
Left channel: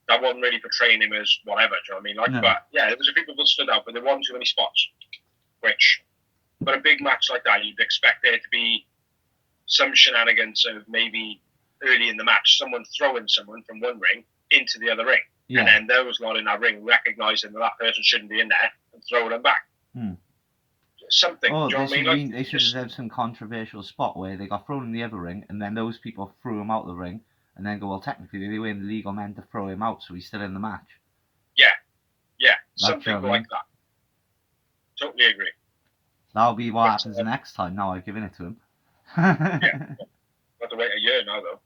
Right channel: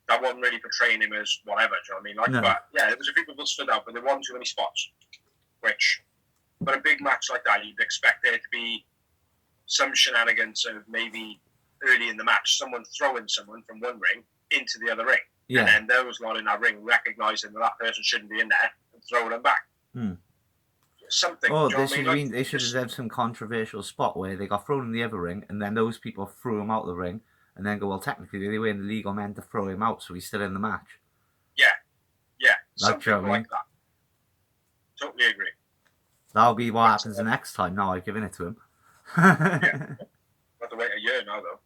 that wasn't really portraying him as whatever. Do you know what I mean? No. But yeah, there was a few people that stood out, but there weren't too many spots. Which, for a big match like that, you'd expect there to be some shenanigans of maybe early in the match, someone throwing someone from one ring into the other ring. Yeah. And then those lot in that ring recognizing that person shouldn't be in there and throwing them back. Something. Oh, they should have done some controversial spot where they got thrown in the other ring and then those people threw him out the ring and then go, well, technically they were in the legal men to throw him out, so he's still in the match. Yeah. Something like that. Totally agree. That'll be what happens the next time. Now I've given it to him. Yeah. Got to wait a year now, though.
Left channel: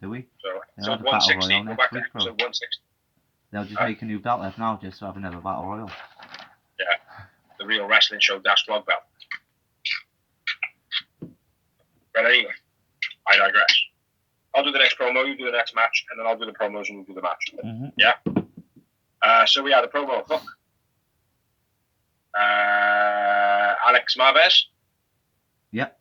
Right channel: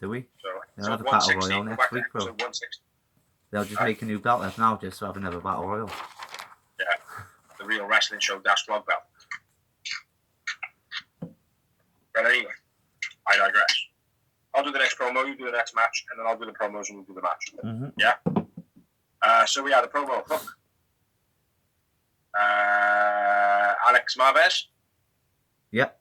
Do we? So they'll have a battle royal next week, bro. So 160. They'll just make a new belt left now just to have another battle royal. Yeah. The Real Wrestling Show -vlog belt. But anyway, I digress. I'll do the next promo, you do the next match, and then I'll do the promos and you do the match. Mm-hmm. Yeah? So we had the promo. Hook. Alex Marvez. Yep.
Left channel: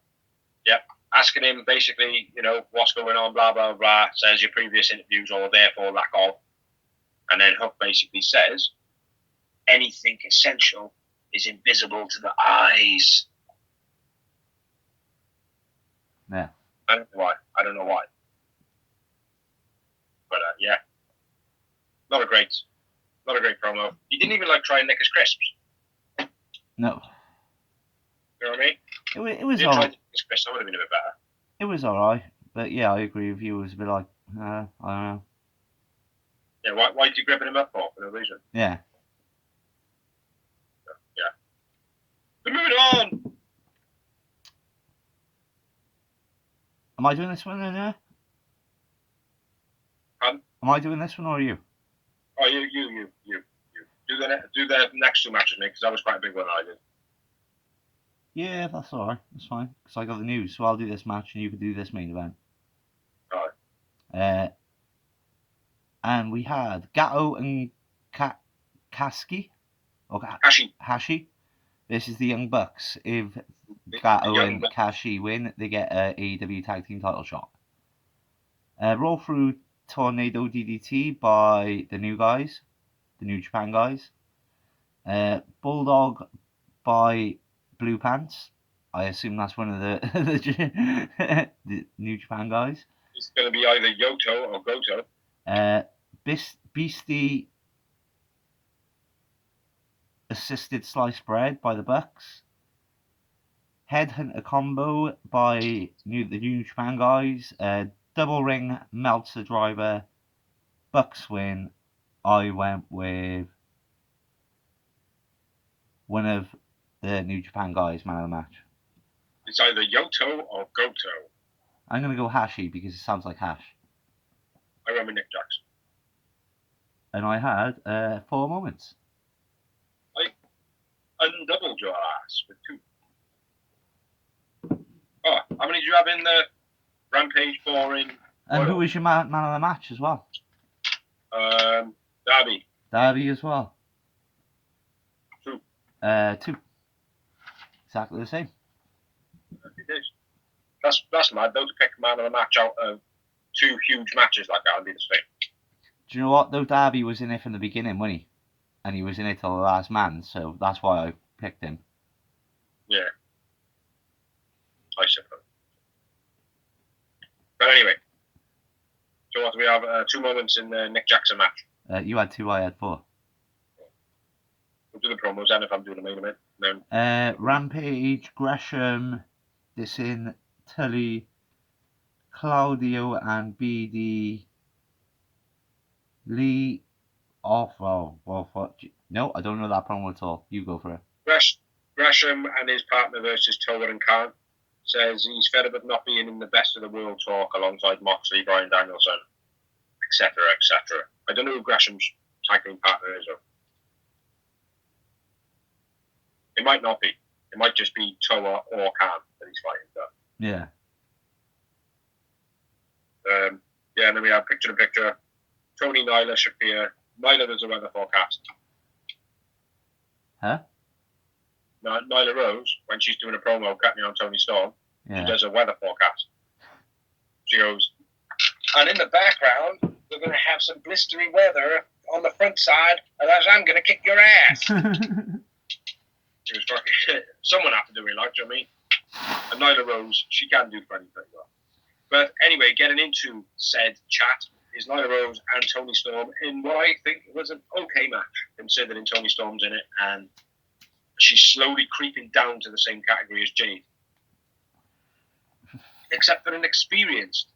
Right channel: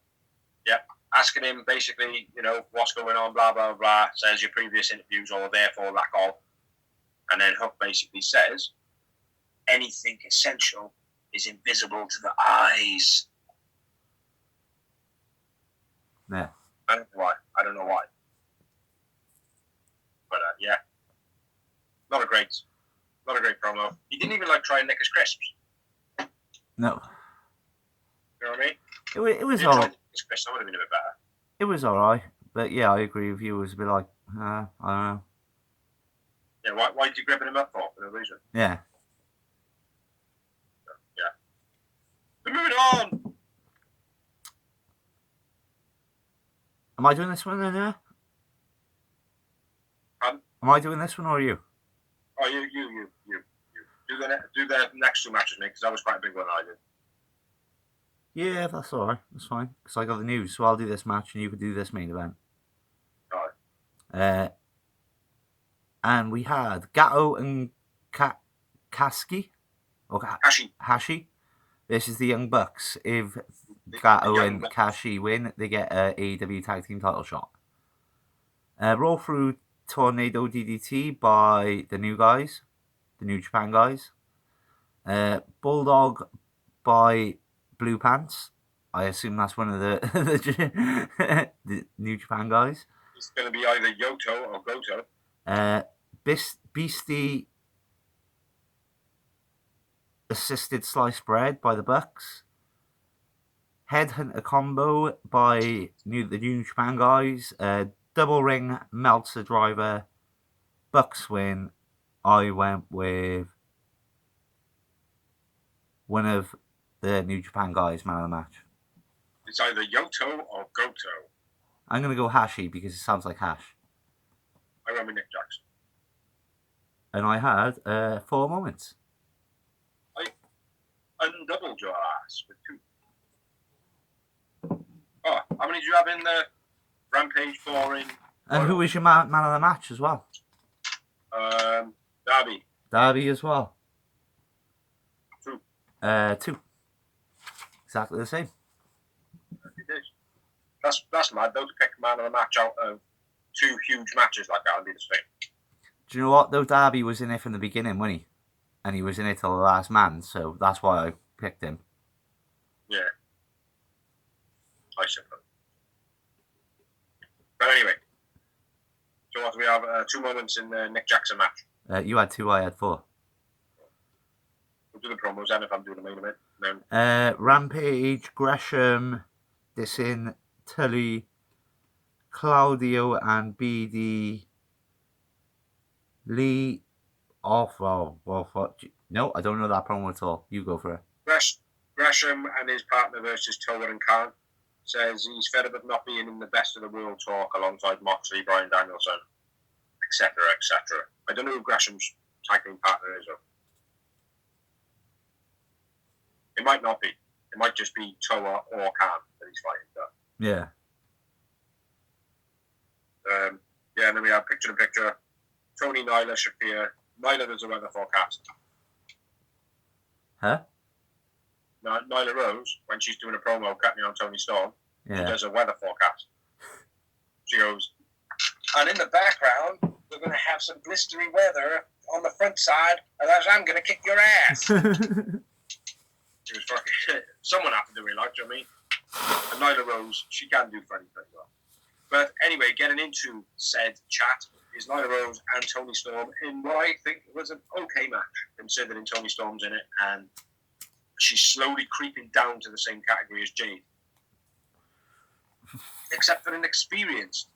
Asking him basically, what's going on, blah, blah, blah. Says your previous interviews or therefore lack of. And then Hook basically says, anything essential is invisible to the eyes. Yeah. I don't know why. But yeah. Not a great promo. He didn't even try and nick his crisps. No. You know what I mean? It was all right. That would have been a bit better. It was all right. But yeah, I agree with you. It was a bit like, I don't know. Yeah, why did you grab him up for? For no reason. Yeah. But moving on. Am I doing this one then, yeah? Pardon? Am I doing this one or are you? Oh, you. Do the next two matches, mate, because that was quite a big one I did. Yeah, that's all right. That's fine. Because I got the news, so I'll do this match and you can do this main event. All right. And we had Gato and Kaski. Or Hashi. This is the Young Bucks. If Gato and Kashi win, they get a AEW Tag Team title shot. Roll through Tornado DDT by the new guys. The New Japan guys. Bulldog by Blue Pants. I assume that's one of the New Japan guys. It's going to be either Yoto or Goto. Beastie assisted sliced bread by the Bucks. Headhunter combo by the New Japan guys. Double ring Meltzer driver. Bucks win. I went with one of the New Japan guys, man of the match. It's either Yoto or Goto. I'm going to go Hashi because it sounds like hash. I went with Nick Jackson. And I had 4 moments. I undoubled your ass with 2. Oh, how many do you have in the Rampage boring? And who was your man of the match as well? Darby. Darby as well. 2. 2. Exactly the same. It is. That's mad though, to pick man of the match out of 2 huge matches like that and be the same. Do you know what though? Darby was in it from the beginning, wasn't he? And he was in it till the last man, so that's why I picked him. Yeah. I suppose. But anyway, so what do we have? 2 moments in the Nick Jackson match. You had 2, I had 4. We'll do the promos then if I'm doing the main event. Then Rampage, Gresham, Dissing, Tully, Claudio, and BD Lee off. No, I don't know that promo at all. You go for it. Gresham and his partner versus Tower and Khan says he's fed up of not being in the best of the world talk alongside Moxley, Bryan Danielson, etc., etc. I don't know who Gresham's tag team partner is. It might not be. It might just be Toa or Khan that he's fighting. Yeah. Yeah, and then we have picture-in-picture. Tony, Nyla, Shafir. Nyla does a weather forecast. Huh? Nyla Rose, when she's doing a promo cutting on Tony Storm, Yeah. she does a weather forecast. She goes, and in the background, we're going to have some blistery weather on the front side, and I'm going to kick your ass. She was fucking shit. Someone had to do it, like, do you know what I mean? And Nyla Rose, she can do funny pretty well. But anyway, getting into said chat is Nyla Rose and Tony Storm in what I think was an okay match, considering Tony Storm's in it, and she's slowly creeping down to the same category as Jade. Except for an experienced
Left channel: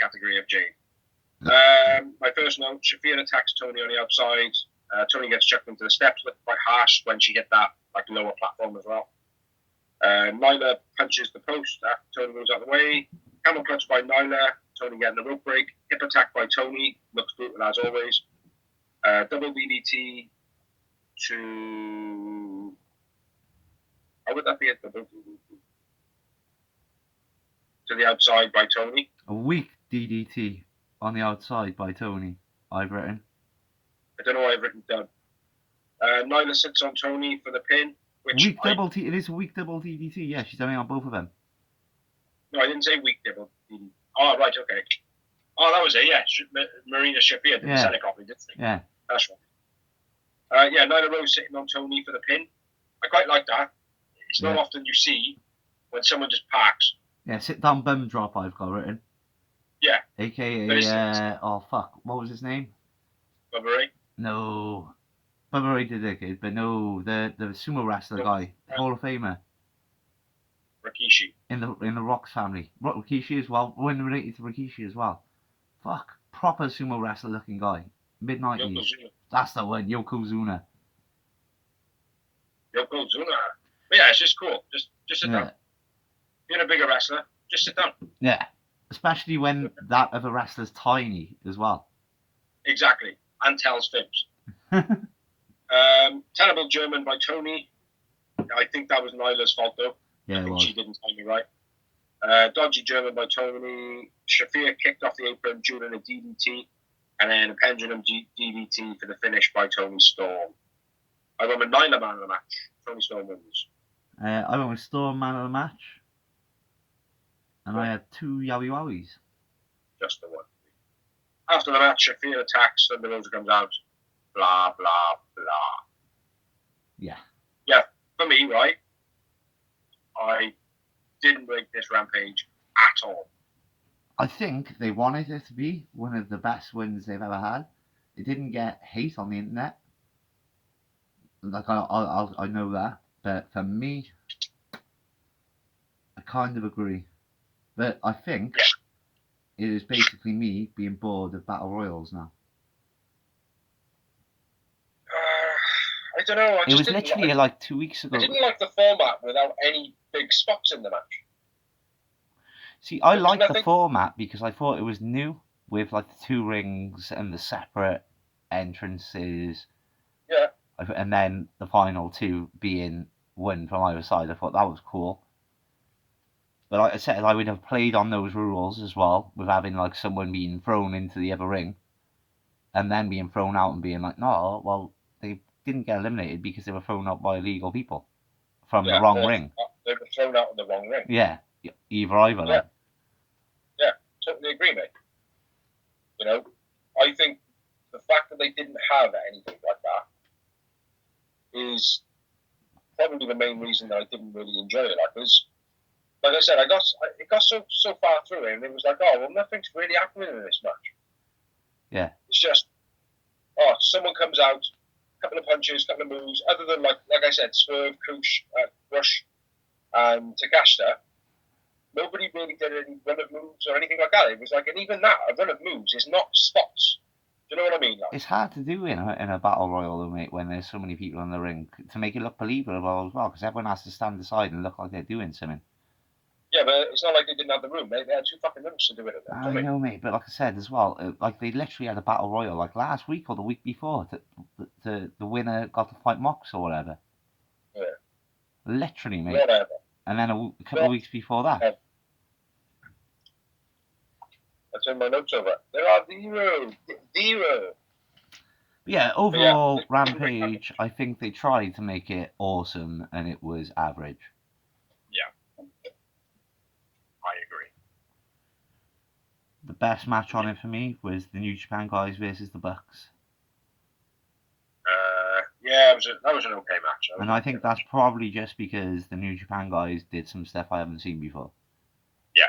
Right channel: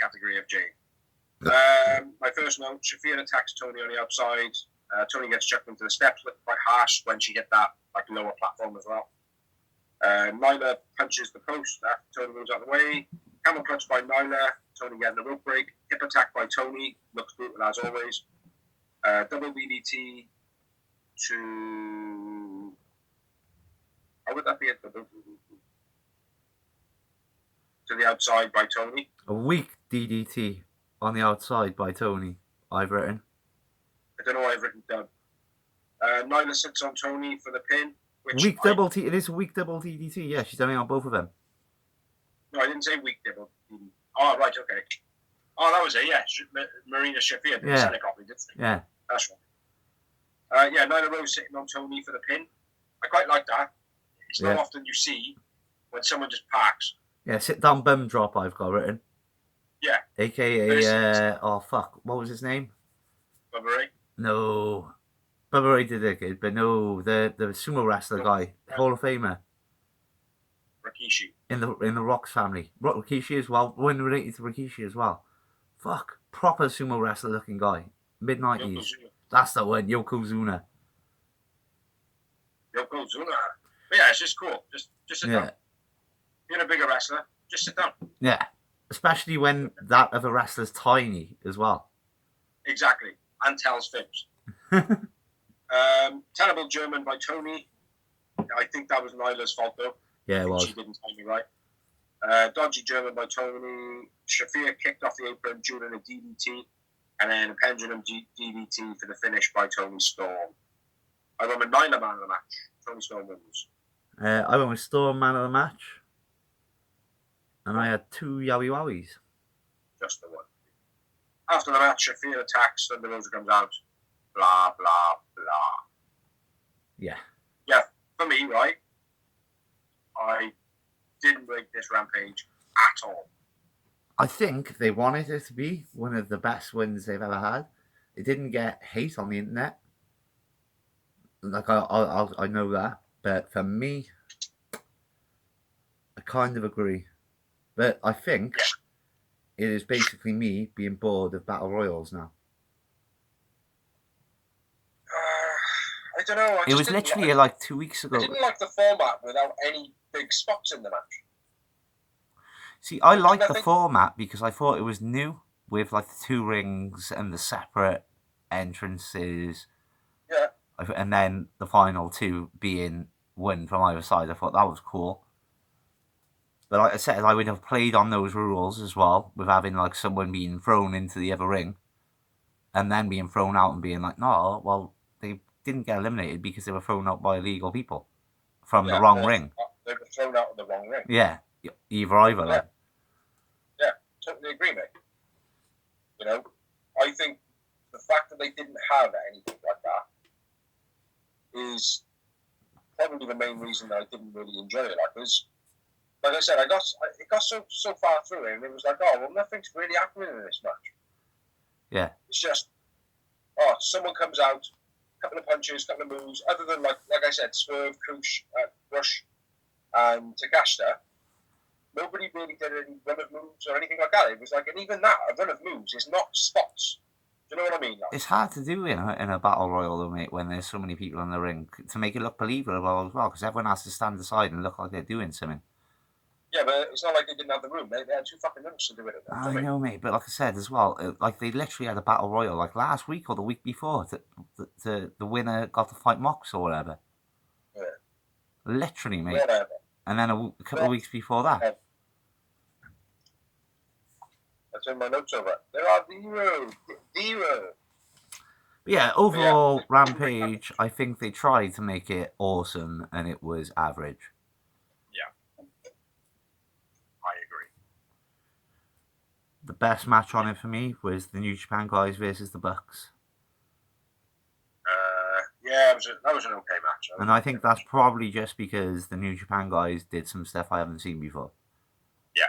category of Jade. My first note, Shafir attacks Tony on the outside. Tony gets chucked into the steps, looked quite harsh when she hit that lower platform as well. Nyla punches the post after Tony moves out of the way. Camel clutch by Nyla. Tony getting a rope break. Hip attack by Tony. Looks brutal as always. Double DDT to... How would that be a double DDT? To the outside by Tony. A weak DDT on the outside by Tony, I've written. I don't know what I've written down. Nyla sits on Tony for the pin. Weak double T. It is a weak double DDT. Yeah, she's done it on both of them. No, I didn't say weak double DDT. Oh, right, okay. Oh, that was it, yeah. Marina Shafir did sell it copy, didn't she? Yeah. That's right. Yeah, Nyla Rose sitting on Tony for the pin. I quite like that. It's not often you see when someone just parks. Yeah, sit down bum drop I've got written. Yeah. AKA, what was his name? Bubba Ray? No. Bubba Ray did it, but no, the sumo wrestler guy, Hall of Famer. Rikishi. In the Rocks family. Rikishi as well, when related to Rikishi as well. Fuck. Proper sumo wrestler looking guy. Mid-90s. That's the one, Yokozuna. Yokozuna. But yeah, it's just cool. Just sit down. Being a bigger wrestler, just sit down. Yeah. Especially when that other wrestler's tiny as well. Exactly. And tells fibs. Terrible German by Tony. I think that was Nyla's fault though. Yeah, it was. She didn't time me right. Dodgy German by Tony. Shafir kicked off the apron during a DDT. And then a pendulum DDT for the finish by Tony Storm. I went with Nyla man of the match. Tony Storm wins. I went with Storm man of the match. And I had 2 Yowie Wowies. Just the one. After the match, Shafir attacks, Thunder Rosa comes out. Blah, blah, blah. Yeah. Yeah, for me, right, I didn't rate this Rampage at all. I think they wanted it to be one of the best wins they've ever had. It didn't get hate on the internet. Like, I know that. But for me, I kind of agree. But I think it is basically me being bored of Battle Royals now. I don't know. It was literally like 2 weeks ago. I didn't like the format without any big spots in the match. See, I liked the format because I thought it was new. with like the 2 rings and the separate entrances. Yeah. And then the final 2 being one from either side. I thought that was cool. But like I said, I would have played on those rules as well, with having like someone being thrown into the other ring and then being thrown out and being like, no, well, they didn't get eliminated because they were thrown out by illegal people from the wrong ring. They were thrown out of the wrong ring. Yeah, either. Like. Yeah, totally agree, mate. You know, I think the fact that they didn't have anything like that is probably the main reason that I didn't really enjoy it. Like I said, it got so far through it, and it was like, oh, well, nothing's really happening in this match. Yeah. It's just, someone comes out, a couple of punches, a couple of moves, other than, like I said, Swerve, Kush, Rush, and Takashita. Nobody really did any run of moves or anything like that. It was like, and even that, a run of moves is not spots. Do you know what I mean? Like, it's hard to do in a battle royal, though, mate, when there's so many people in the ring, to make it look believable as well, because everyone has to stand aside and look like they're doing something. Yeah, but it's not like they didn't have the room. They had 2 fucking minutes to do it. I know, mate, but like I said as well, like they literally had a battle royal like last week or the week before. The winner got to fight Mox or whatever. Yeah. Literally, mate. Whatever. And then a couple of weeks before that. Yeah. That's in my notes over. There are 0. But yeah, overall, Rampage, I think they tried to make it awesome and it was average. Yeah. I agree. The best match on it for me was the New Japan guys versus the Bucks. Yeah, that was an okay match. And I think that's probably just because the New Japan guys did some stuff I haven't seen before. Yeah.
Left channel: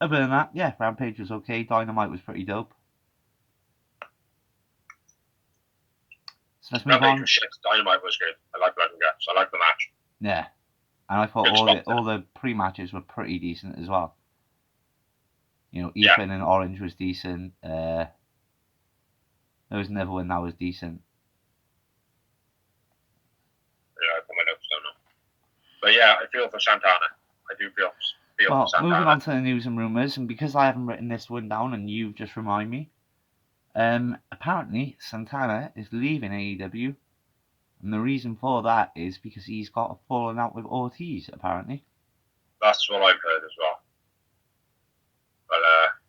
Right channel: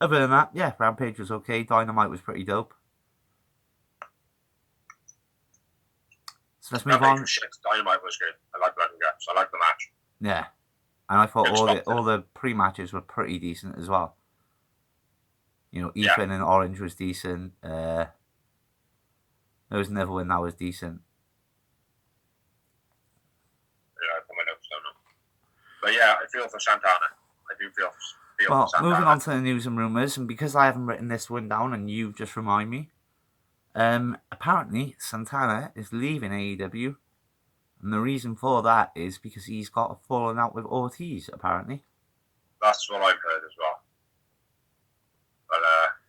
Other than that, yeah, Rampage was okay. Dynamite was pretty dope. So let's move on. Dynamite was good. I like Red and Guts. I like the match. Yeah. And I thought all the pre-matches were pretty decent as well. You know, Ethan and Orange was decent. There was another one that was decent. Yeah, I put my notes down now. But yeah, I feel for Santana. I do feel for Santana. Moving on to the news and rumours, and because I haven't written this one down and you've just reminded me, apparently Santana is leaving AEW, and the reason for that is because he's got a falling out with Ortiz, apparently. That's what I've heard as well. But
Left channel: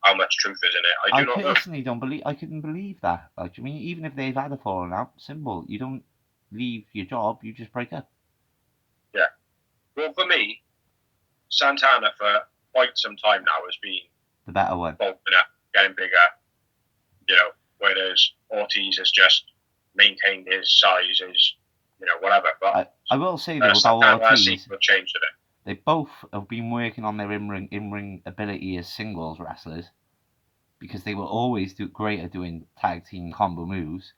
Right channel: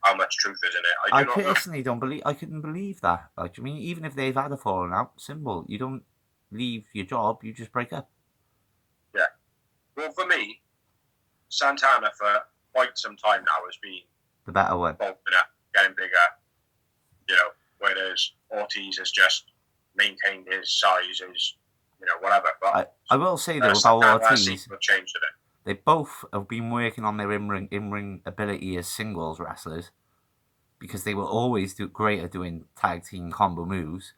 how much truth is in it? I personally don't believe. I couldn't believe that. Like, I mean, even if they've had a falling out, simple. You don't leave your job. You just break up. Yeah. Well, for me, Santana for quite some time now has been the better one. Bulking up, getting bigger. You know, whereas Ortiz has just maintained his size, whatever. But I will say though about Ortiz, changed a bit. They both have been working on their in-ring ability as singles wrestlers, because they were always great at doing tag team combo moves.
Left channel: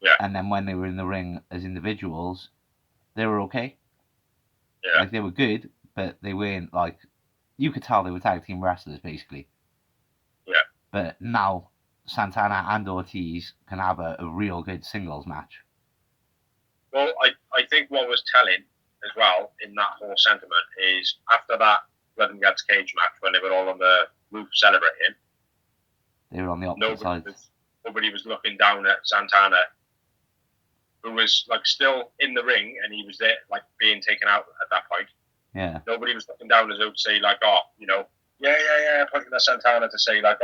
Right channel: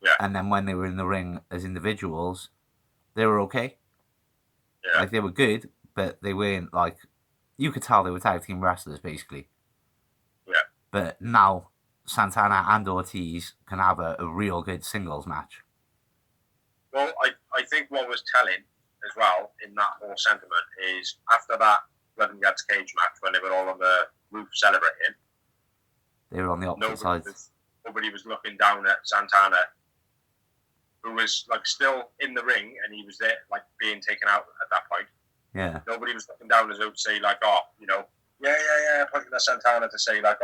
Yeah. And then when they were in the ring as individuals, they were okay. Yeah. Like, they were good, but they weren't like, you could tell they were tag team wrestlers basically. Yeah. But now Santana and Ortiz can have a real good singles match. Well, I think what was telling as well in that whole sentiment is after that Blood and Guts cage match, when they were all on the roof celebrating, they were on the opposite sides. Nobody was looking down at Santana, who was like still in the ring, and he was there like being taken out at that point. Yeah. Nobody was looking down as though to say like, pointing at Santana to say like,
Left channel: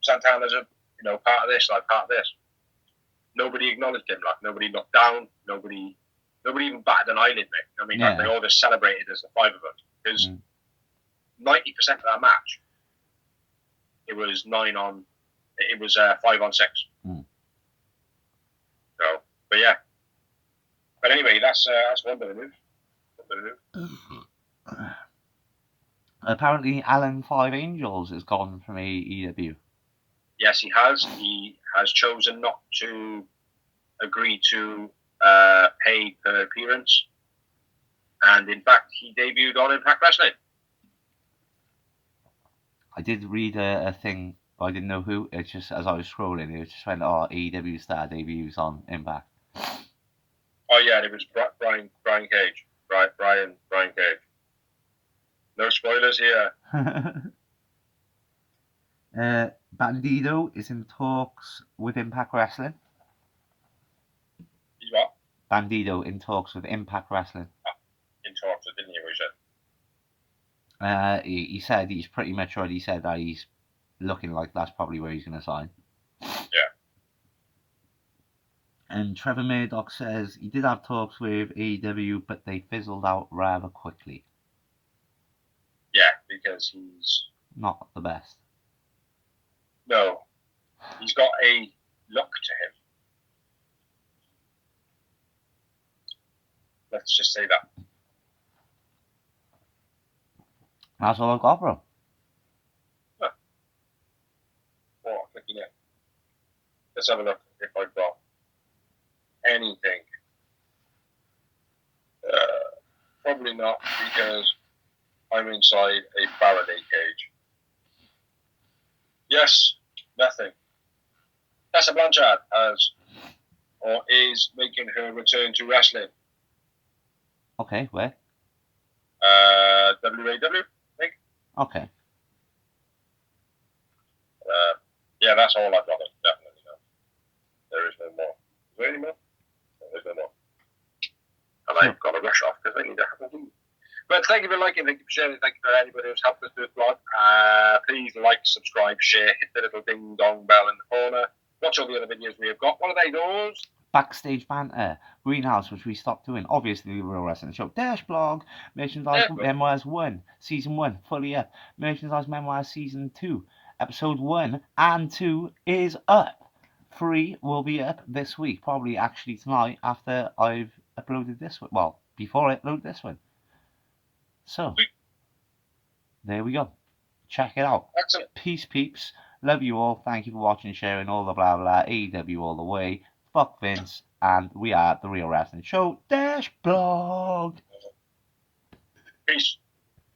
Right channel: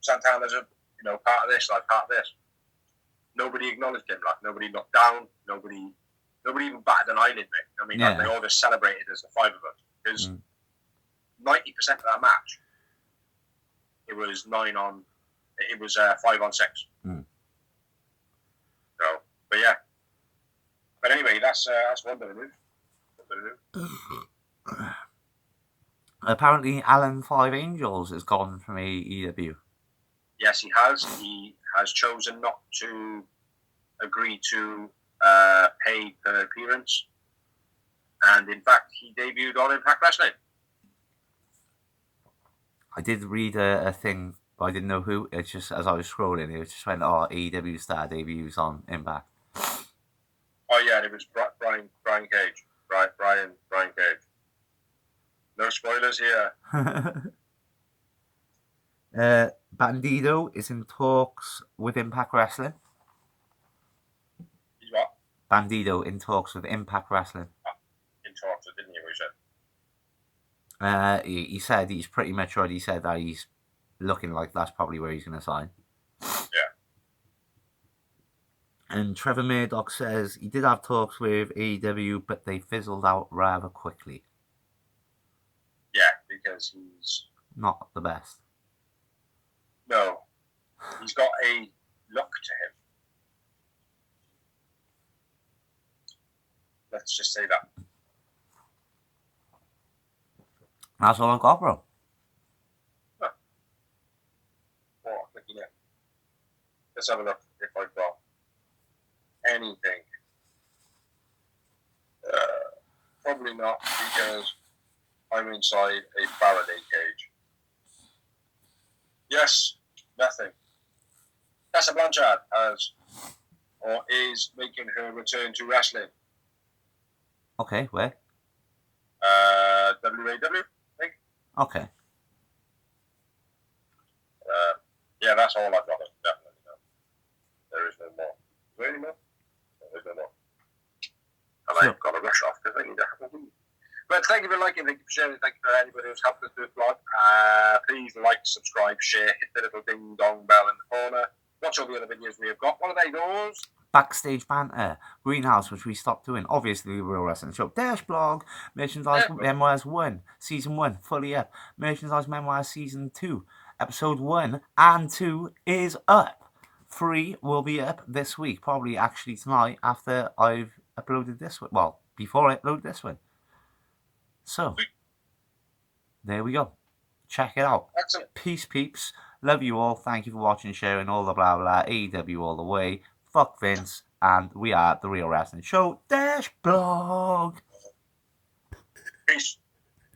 Santana's a part of this, like part of this. Nobody acknowledged him, like nobody looked down, nobody even batted an eyelid, mate. I mean, like, they all just celebrated as the 5 of us, because 90% of that match, it was 5 on 6. So, but yeah. But anyway, that's one bit of news. Apparently, Alan Five Angels has gone from AEW. Yes, he has. He has chosen not to agree to pay per appearance. And in fact, he debuted on Impact Wrestling. I did read a thing, but I didn't know who. It's just, as I was scrolling, it just went, AEW star debuts on Impact. Oh, yeah, it was Brian Cage. Brian Cage. No spoilers here. Bandido is in talks with Impact Wrestling. He's what? Bandido in talks with Impact Wrestling. In talks, didn't he? He said. He said he's pretty much already said that he's looking like that's probably where he's going to sign. Yeah. And Trevor Murdoch says he did have talks with AEW, but they fizzled out rather quickly. Yeah, because he's not the best. No. He's got a look to him. Let's just say that. That's all I've got, bro. Huh. Oh, looking at. Let's have a look if I've got anything. Probably not, because I'm inside a Faraday cage. Yes, nothing. Tessa Blanchard is making her return to wrestling. Okay, where? WAW, I think. Okay. Yeah, that's all I've got. Definitely no. There is no more. Is there any more? No, there's no more. And I've got to rush off because I need to have a wee. But thank you for liking, thank you for sharing, thank you for anybody who's helped us do this vlog. Please like, subscribe, share, hit the little ding dong bell in the corner. Watch all the other videos we have got. What are they, those? Backstage banter, Greenhouse, which we stopped doing. Obviously, the Real Wrestling Show. Dash blog, Merchandise Memoirs 1, Season 1, fully up. Merchandise Memoirs Season 2, Episode 1 and 2 is up. 3 will be up this week, probably actually tonight after I've uploaded this one. Well, before I upload this one. So, there we go. Check it out. Excellent. Peace, peeps. Love you all. Thank you for watching, sharing, all the blah blah. AEW all the way. Fuck Vince. And we are the Real Wrestling Show. Dash blog. Peace.